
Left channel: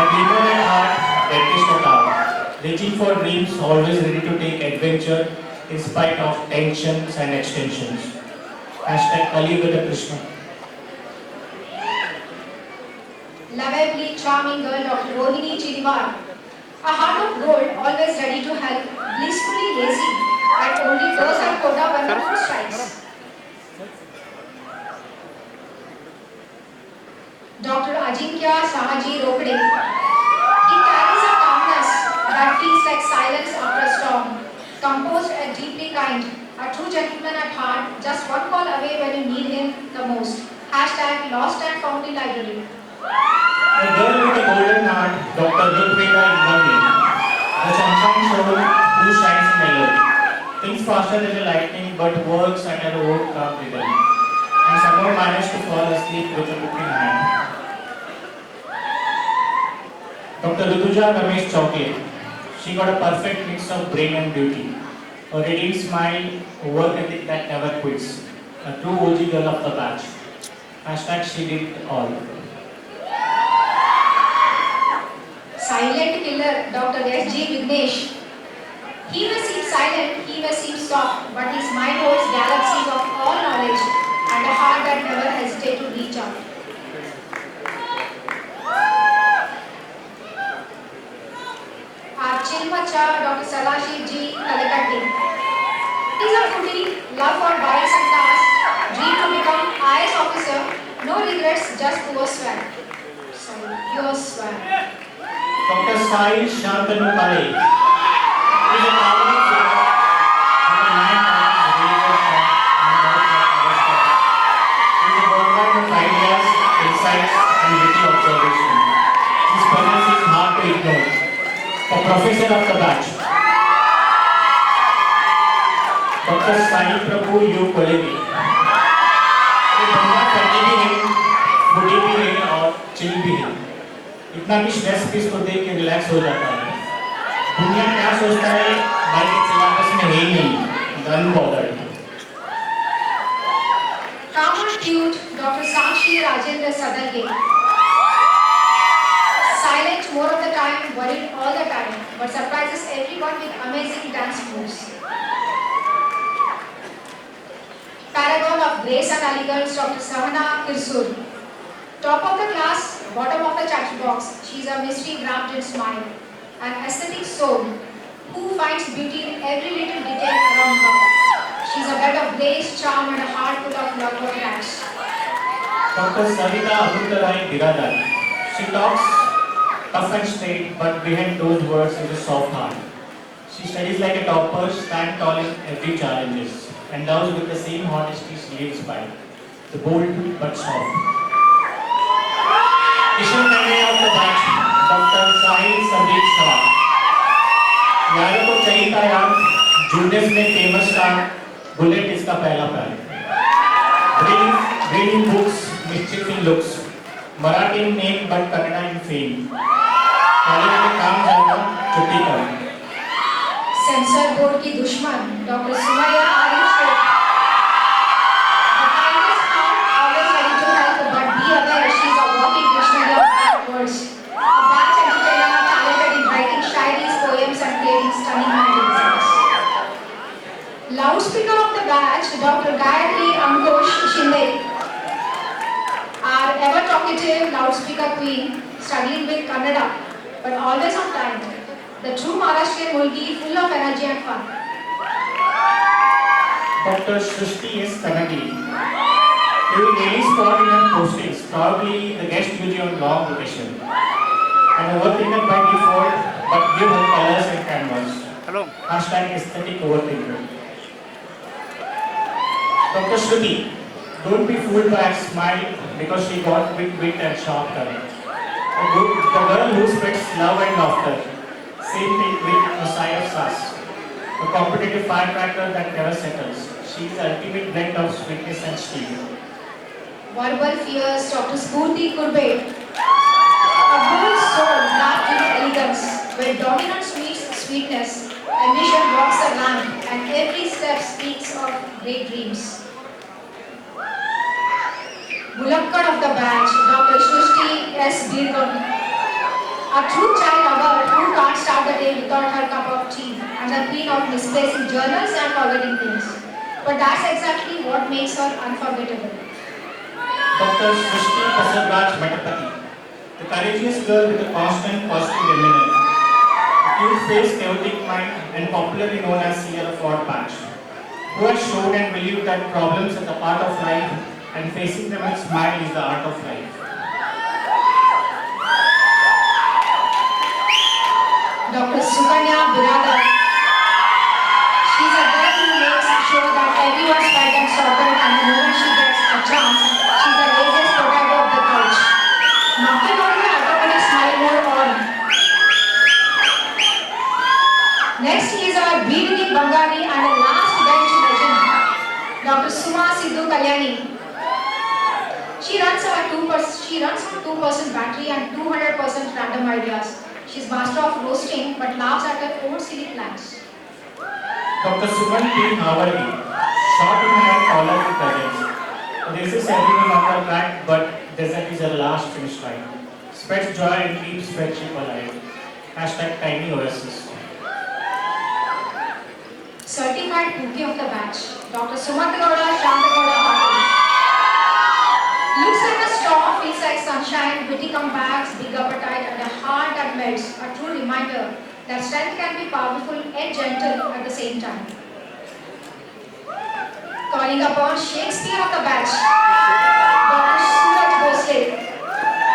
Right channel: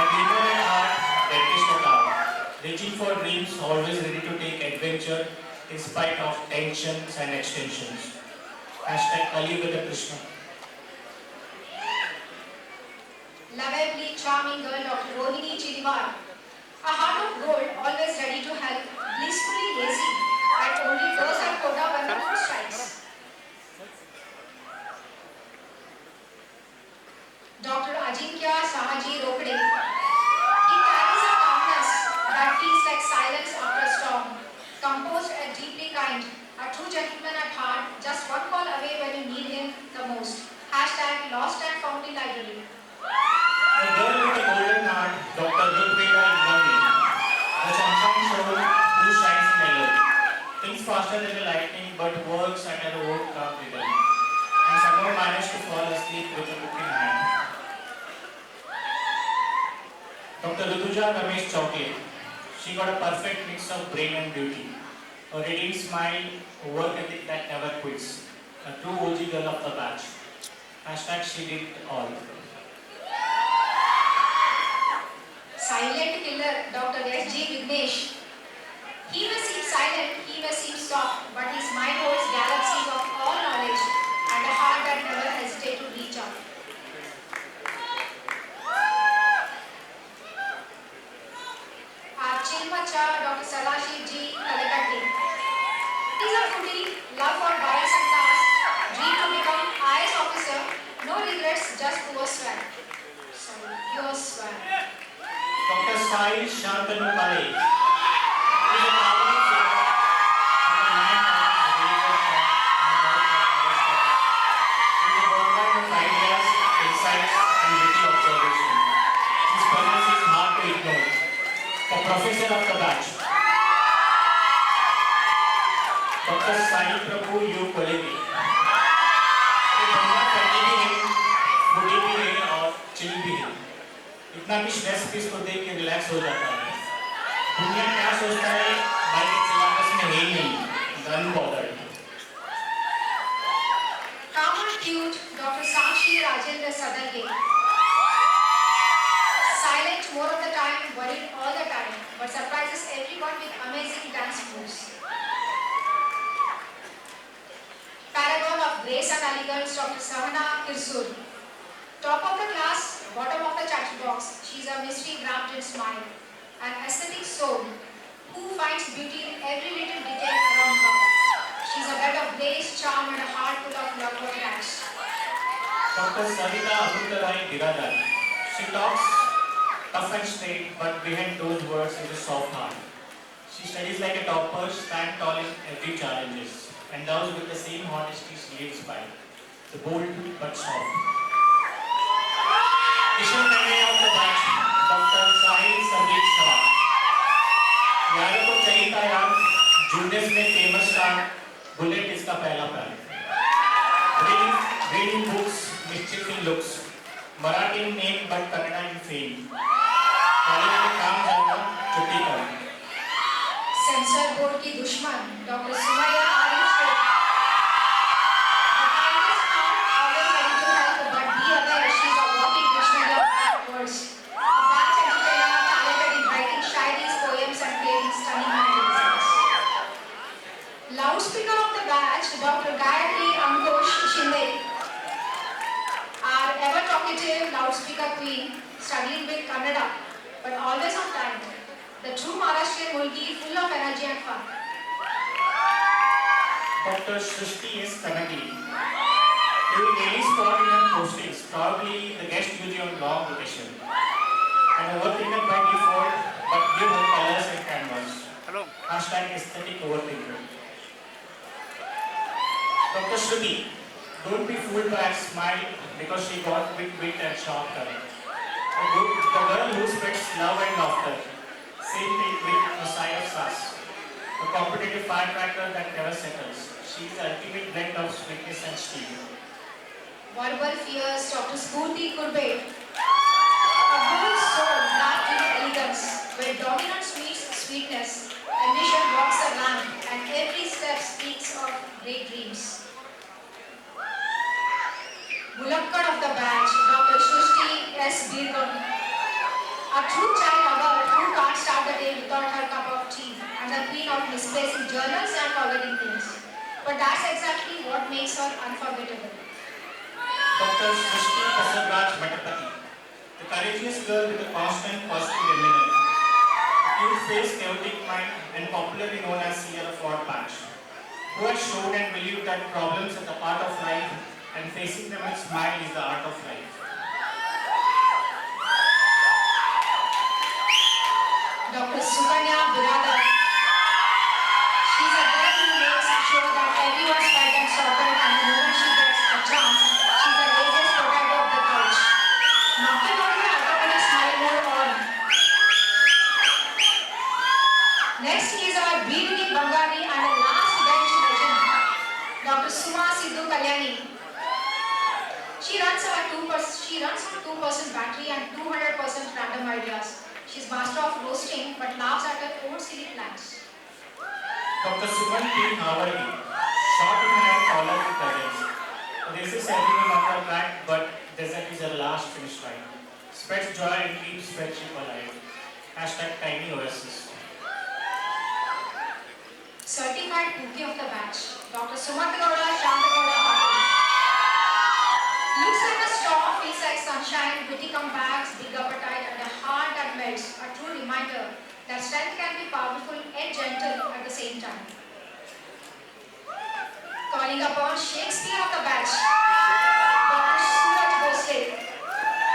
a dreamer at heart, dentist at heart. Reaching for dreams, always ready to take adventure in spite of tensions and extensions. Hashtag Kaliyuga Krishna. Lovably charming girl, Dr. Rohini Chiriwar. A heart of gold, always ready to help, blissfully lazy, that only throws her quota when the mood strikes. Dr. Ajinkya Sahaji Rokde. He carries a calmness that feels like silence after a storm. Composed and deeply kind, a true gentleman at heart, just one call away when you need him the most. Hashtag lost and found in library. A girl with a golden heart, Dr. Rukveda Ingvali, the sunshine soul who shines mellow, thinks faster than the lightning but works at her own calm rhythm, and somehow managed to fall asleep with a book in hand. Dr. Rutuja Ramesh Chowke, she got a perfect mix of brain and beauty, a radiant smile, a work ethic that never quits, a true OG girl of the batch. Hashtag she did all. Silent killer, Dr. S.G. Vignesh. He may seem silent, he may seem soft, but his mind holds galaxies of all knowledge and a heart that never hesitates to reach out. Our Chilmacha, Dr. Salashi G. Kalakatti. He's a foodie, love for bikes and cars, dream to become IS officer, no regrets, just pure swag. Pure swag. Dr. Sai Shantanu Pare is a towering figure with a man religious and he is a worldwide of ideas, insights and witty observation. His presence is hard to ignore. A professor of the batch. Dr. Sai Prabhu U. Kolegi. ये बंदा करनी भी है, बुढ़ी भी है और chill भी है। इतना भी स्ट्रेस भी इसको देख के रिलैक्स हो जाता है। दुनिया क्या सोचता है, भाई के सिलेबस में है ही नहीं, unbothered. Calm and cute, Dr. Sakshi Rajendra Sadalge. Silent more of the time, worried all the time, but surprises everyone with amazing dance moves. Paragon of grace and elegance, Dr. Savana Kirsur. Top of the class, bottom of the chat box, she's a mystery wrapped in smile, an aesthetic soul who finds beauty in every little detail around her. She's a bed of grace, charm, and a heart full of love for cats. Dr. Savita Amrutarai Biradar. She talks tough and straight, but behind those words is a soft heart. She studies like a topper, stands tall in every challenges, and loves with the same honesty she lives by, the bold but soft. Kishan Kane of the batch, Dr. Sahil Sandeep Sawan. यारों को चाहिए था यार, juniors में famous था, bullet इसका पहला प्यार. Reading books, mischief in looks, Marathi in name but Kannada in fame. College में काम जाना, छुट्टी करना. सेंसर बोर्ड की दुश्मन doctor Sumaiya Ayush the kindest heart, always ready to help, but be aware she's a walking dictionary of bad words. A batch entertainer talented in writing shairis, poems and creating stunning magazines. Loudspeaker of the batch, Dr. Gayatri Ankush Shinde. Our ever talkative loudspeaker queen, studied with Kannada, but always on time. The true Maharashtrian Mulki, full of energy and fun. Dr. Srishti S. Kanagi. You will really spot in her postings, probably the guest beauty on long vacation. An overthinker by default, but give her colors and canvas. Hello. Hashtag aesthetic overthinker. Dr. Shruti, don't be fooled by a smile because she got quick wit and sharp tongue. The girl who spreads love and laughter. Same thing with Messiah Sass. A competitive firecracker that never settles. She is the ultimate blend of sweetness and steel. Verbal fierce, Dr. Spurti Kurbe. A bold soul wrapped in elegance, where dominance meets sweetness, ambition walks a lamp, and every step speaks of great dreams. Bulakkad of the batch, Dr. Srishti S. Birgan. A true child lover who can't start the day without her cup of tea, and the queen of misplacing journals and forgetting things. But that's exactly what makes her unforgettable. Dr. Srishti Prasad Metapati. The courageous girl with a constant positive demeanor. A cute face, chaotic mind, and popularly known as Sierra Ford Patch. Who has shown and believed that problems are the part of life and facing them with smile is the art of life. Dr. Sukanya Biradar. She's a girl who makes sure that everyone's fed and sorted, and the moment she gets a chance, she's the laziest potato of the couch. Knocking on her automatic smile more on. Next is our BDD Bangari and a last bench legend, Dr. Suma Sidhu Kalyani. She runs on 2% battery and 200% random ideas. She's master of roasting but laughs at her own silly plans. Dr. Suman P. Havargi. Short in height, taller in presence. Races everyone on her track, but desert is her last finish line. Spreads joy and keeps friendship alive. Hashtag Tiny Oasis. Certified Cookie of the batch, Dr. Sumatagowda Shantagowda Patil. Looks like a storm, feels like sunshine, witty comebacks, big appetite, and a heart that melts. A true reminder that strength can be powerful and gentle at the same time. Calling upon Shakespeare of the batch, Dr. Suraj Bhosle.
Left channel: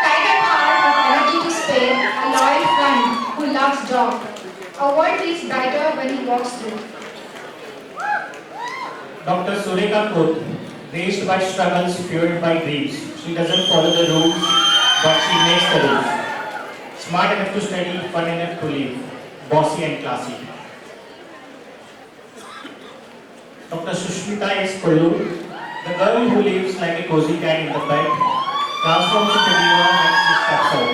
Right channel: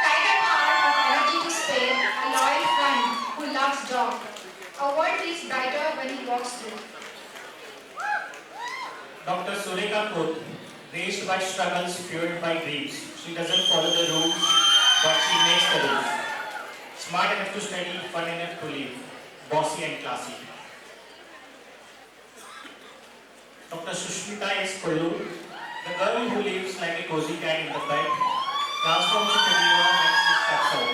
Kind at heart with energy to spare, a loyal friend who loves dog. A world feels brighter when he walks through. Dr. Sureka Koth. Raised by struggles, fueled by dreams. She doesn't follow the rules, but she makes the rules. Smart enough to study, fun enough to live. Bossy and classy. Dr. Sushmita S. Kollu. The girl who lives like a cozy cat in the bed, transforms into diva when she steps out,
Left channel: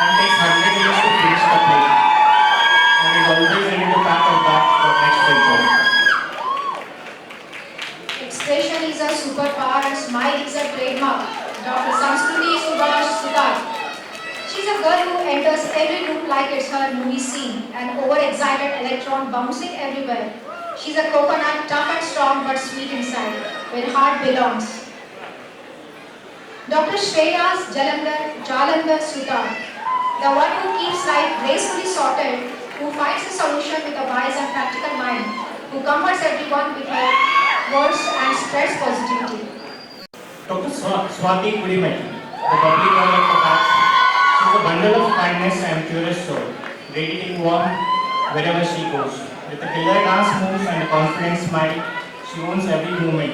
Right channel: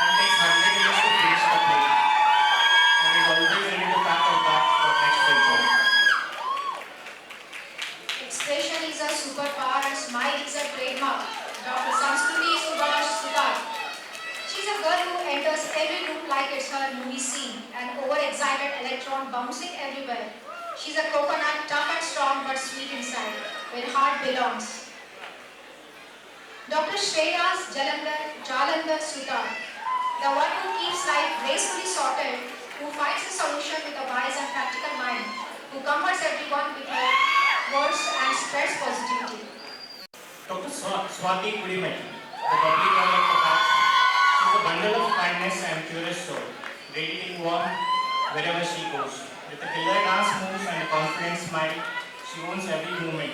and takes 100 years to finish the play, and is always ready to pack her bags for next venture. Expression is a superpower and smile is a trademark. Dr. Sanskruti Subhash Sudar. She's a girl who enters every room like it's her movie scene, an overexcited electron bouncing everywhere. She's a coconut, tough and strong but sweet inside, where heart belongs. Dr. Shreyas Jalandhar Sudar. The one who keeps life gracefully sorted, who finds a solution with a wise and practical mind, who comforts everyone with her words and spreads positivity. Dr. Swati Kudimati, the bubbly girl of the batch. She She's a bundle of kindness and curious soul, radiating warmth wherever she goes. With a killer dance moves and a confident smile, she owns every moment.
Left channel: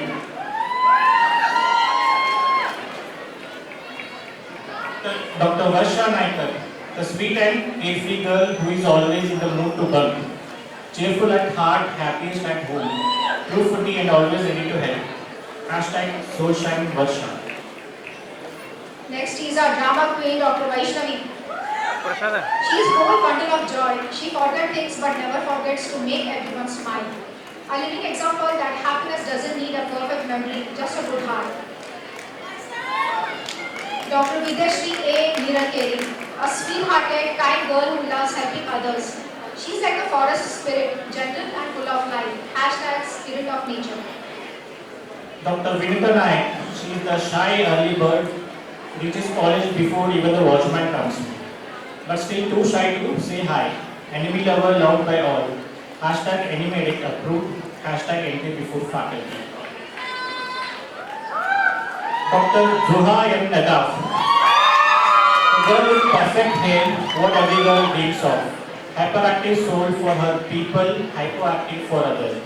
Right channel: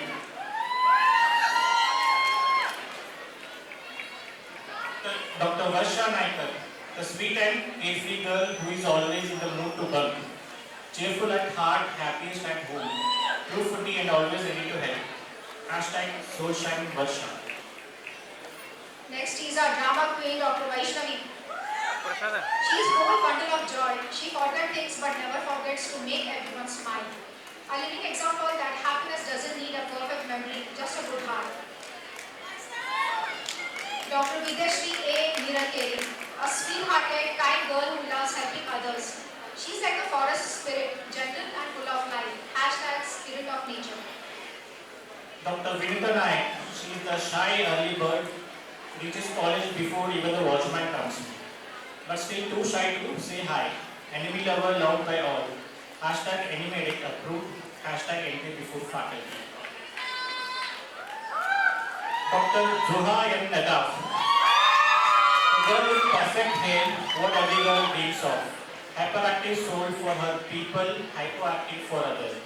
Dr. Varsha Naikar, the sweet and carefree girl who is always in the mood to bunk. Cheerful at heart, happiest at home. True foodie and always ready to help. Hashtag Soulshine Varsha. Next is our drama queen, Dr. Vaishnavi. She is whole bundle of joy. She forgets things but never forgets to make everyone smile. A living example that happiness doesn't need a perfect memory, just a good heart. Dr. Vidyashree A. Nirankeri, a sweet-hearted, kind girl who loves helping others. She's like a forest spirit, gentle and full of life. Hashtag spirit of nature. Dr. Vinita Naik, she is the shy early bird, reaches college before even the watchman comes. But still too shy to say hi. Enemy lover loved by all. Hashtag enemy addict approved. Hashtag entry before faculty. Dr. Zuha M. Nadaf, a girl with perfect hair, what every girl dreams of. Hyperactive soul for her people, hypoactive for others.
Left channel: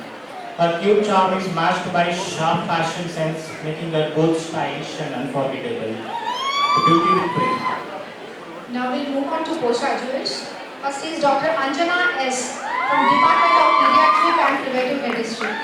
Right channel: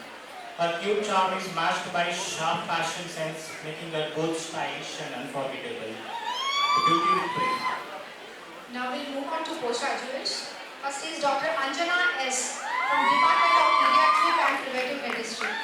Her cute charm is matched by sharp fashion sense, making her both stylish and unforgettable. Beauty with brain. Now we'll move on to postgraduates. First is Dr. Anjana S. from Department of Pediatric and Preventive Medicine.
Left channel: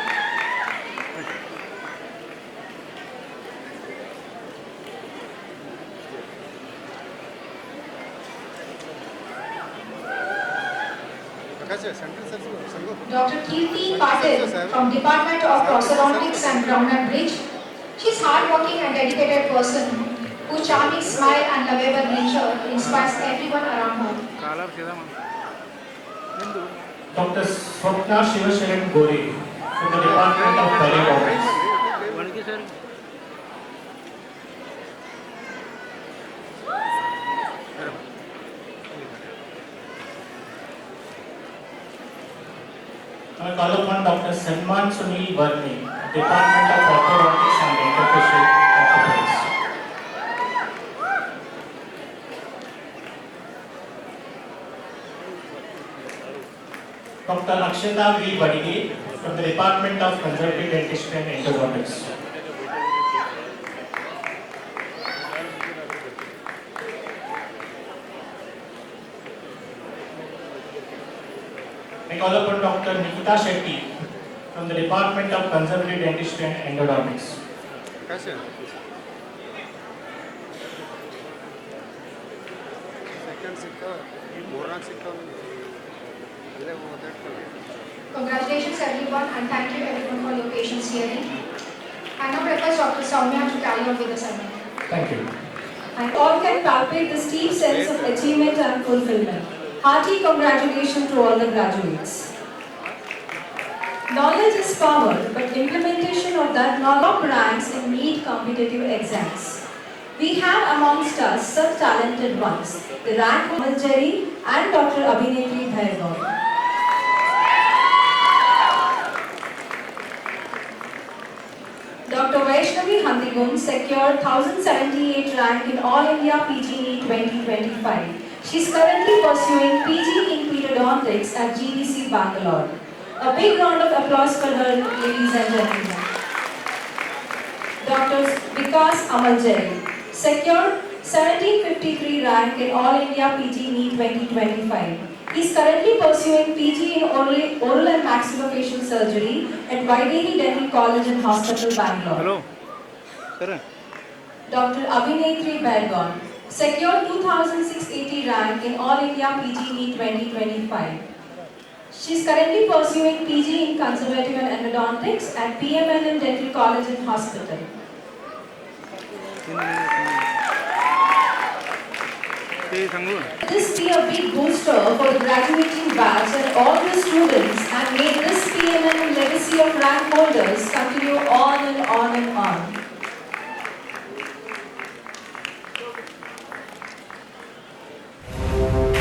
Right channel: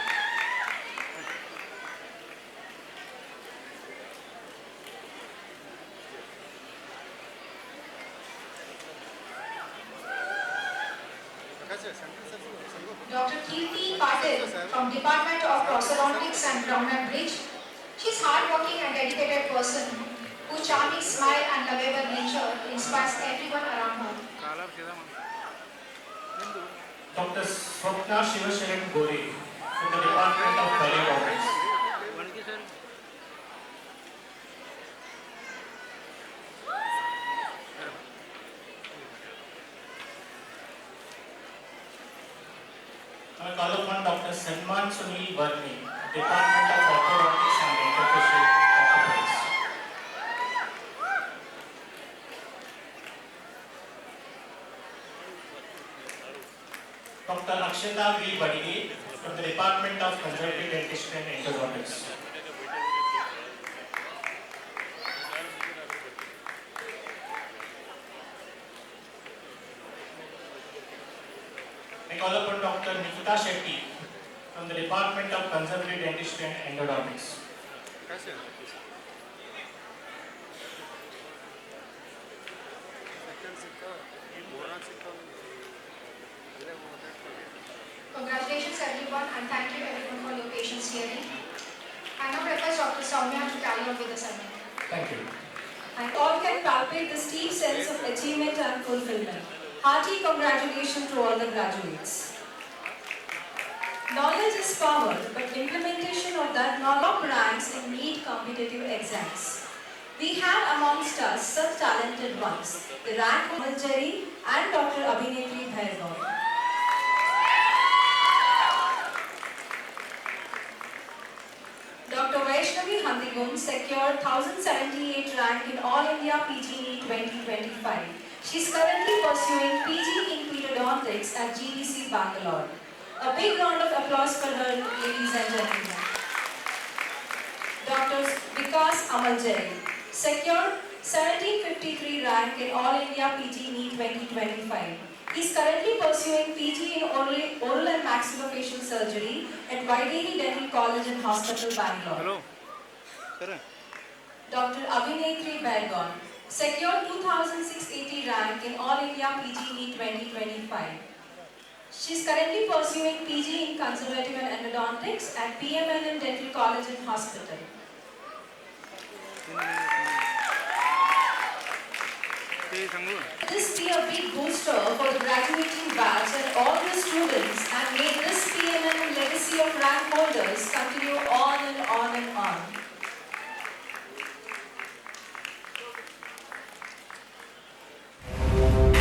Dr. Kirti Patil from Department of Prosthodontics and Crown and Bridge. She's hardworking and dedicated person whose charming smile and lovable nature inspires everyone around her. Dr. Swapna Shivasharan Gore from the Department of Pedagogics. I call upon Dr. Salman Sunil Varni, Department of Orthodontics and Interfacial Orthopedics. Dr. Akshata V. Badige from the Department of Conservative Dentistry and Endodontics. I call upon Dr. Nikita Shetty from the Department of Conservative Dentistry and Endodontics. Congratulations everyone and thank you everyone for your patience hearing. I now request Dr. Soumya to carry on with the ceremony. Thank you. And all can palpate this deep sense of achievement and fulfillment. Hearty congratulations to all the graduates. Knowledge is power, but implementation of that knowledge ranks in NEET competitive exams. We have amongst us such talented ones, the rank Amal Jerry and Dr. Abhinetri Bhairgav. Dr. Vaishnavi Handigun secured 1078 rank in All India PG NEET 2025. She is currently pursuing PG in Pedodontics at GDC Bangalore. A big round of applause for her, ladies and gentlemen. Dr. Vikas Amaljari secured 1753 rank in All India PG NEET 2025. He is currently pursuing PG in oral and maxillofacial surgery at Vaideri Dental College and Hospital, Bangalore. Hello. Dr. Abhinetri Bhairgav secured 2680 rank in All India PG NEET 2025. She is currently pursuing PG in Conservative and Endodontics at PMNM Dental College and Hospital. This be a big booster for the graduating batch and all the students, and may this PMNM legacy of rank holders continue on and on and on.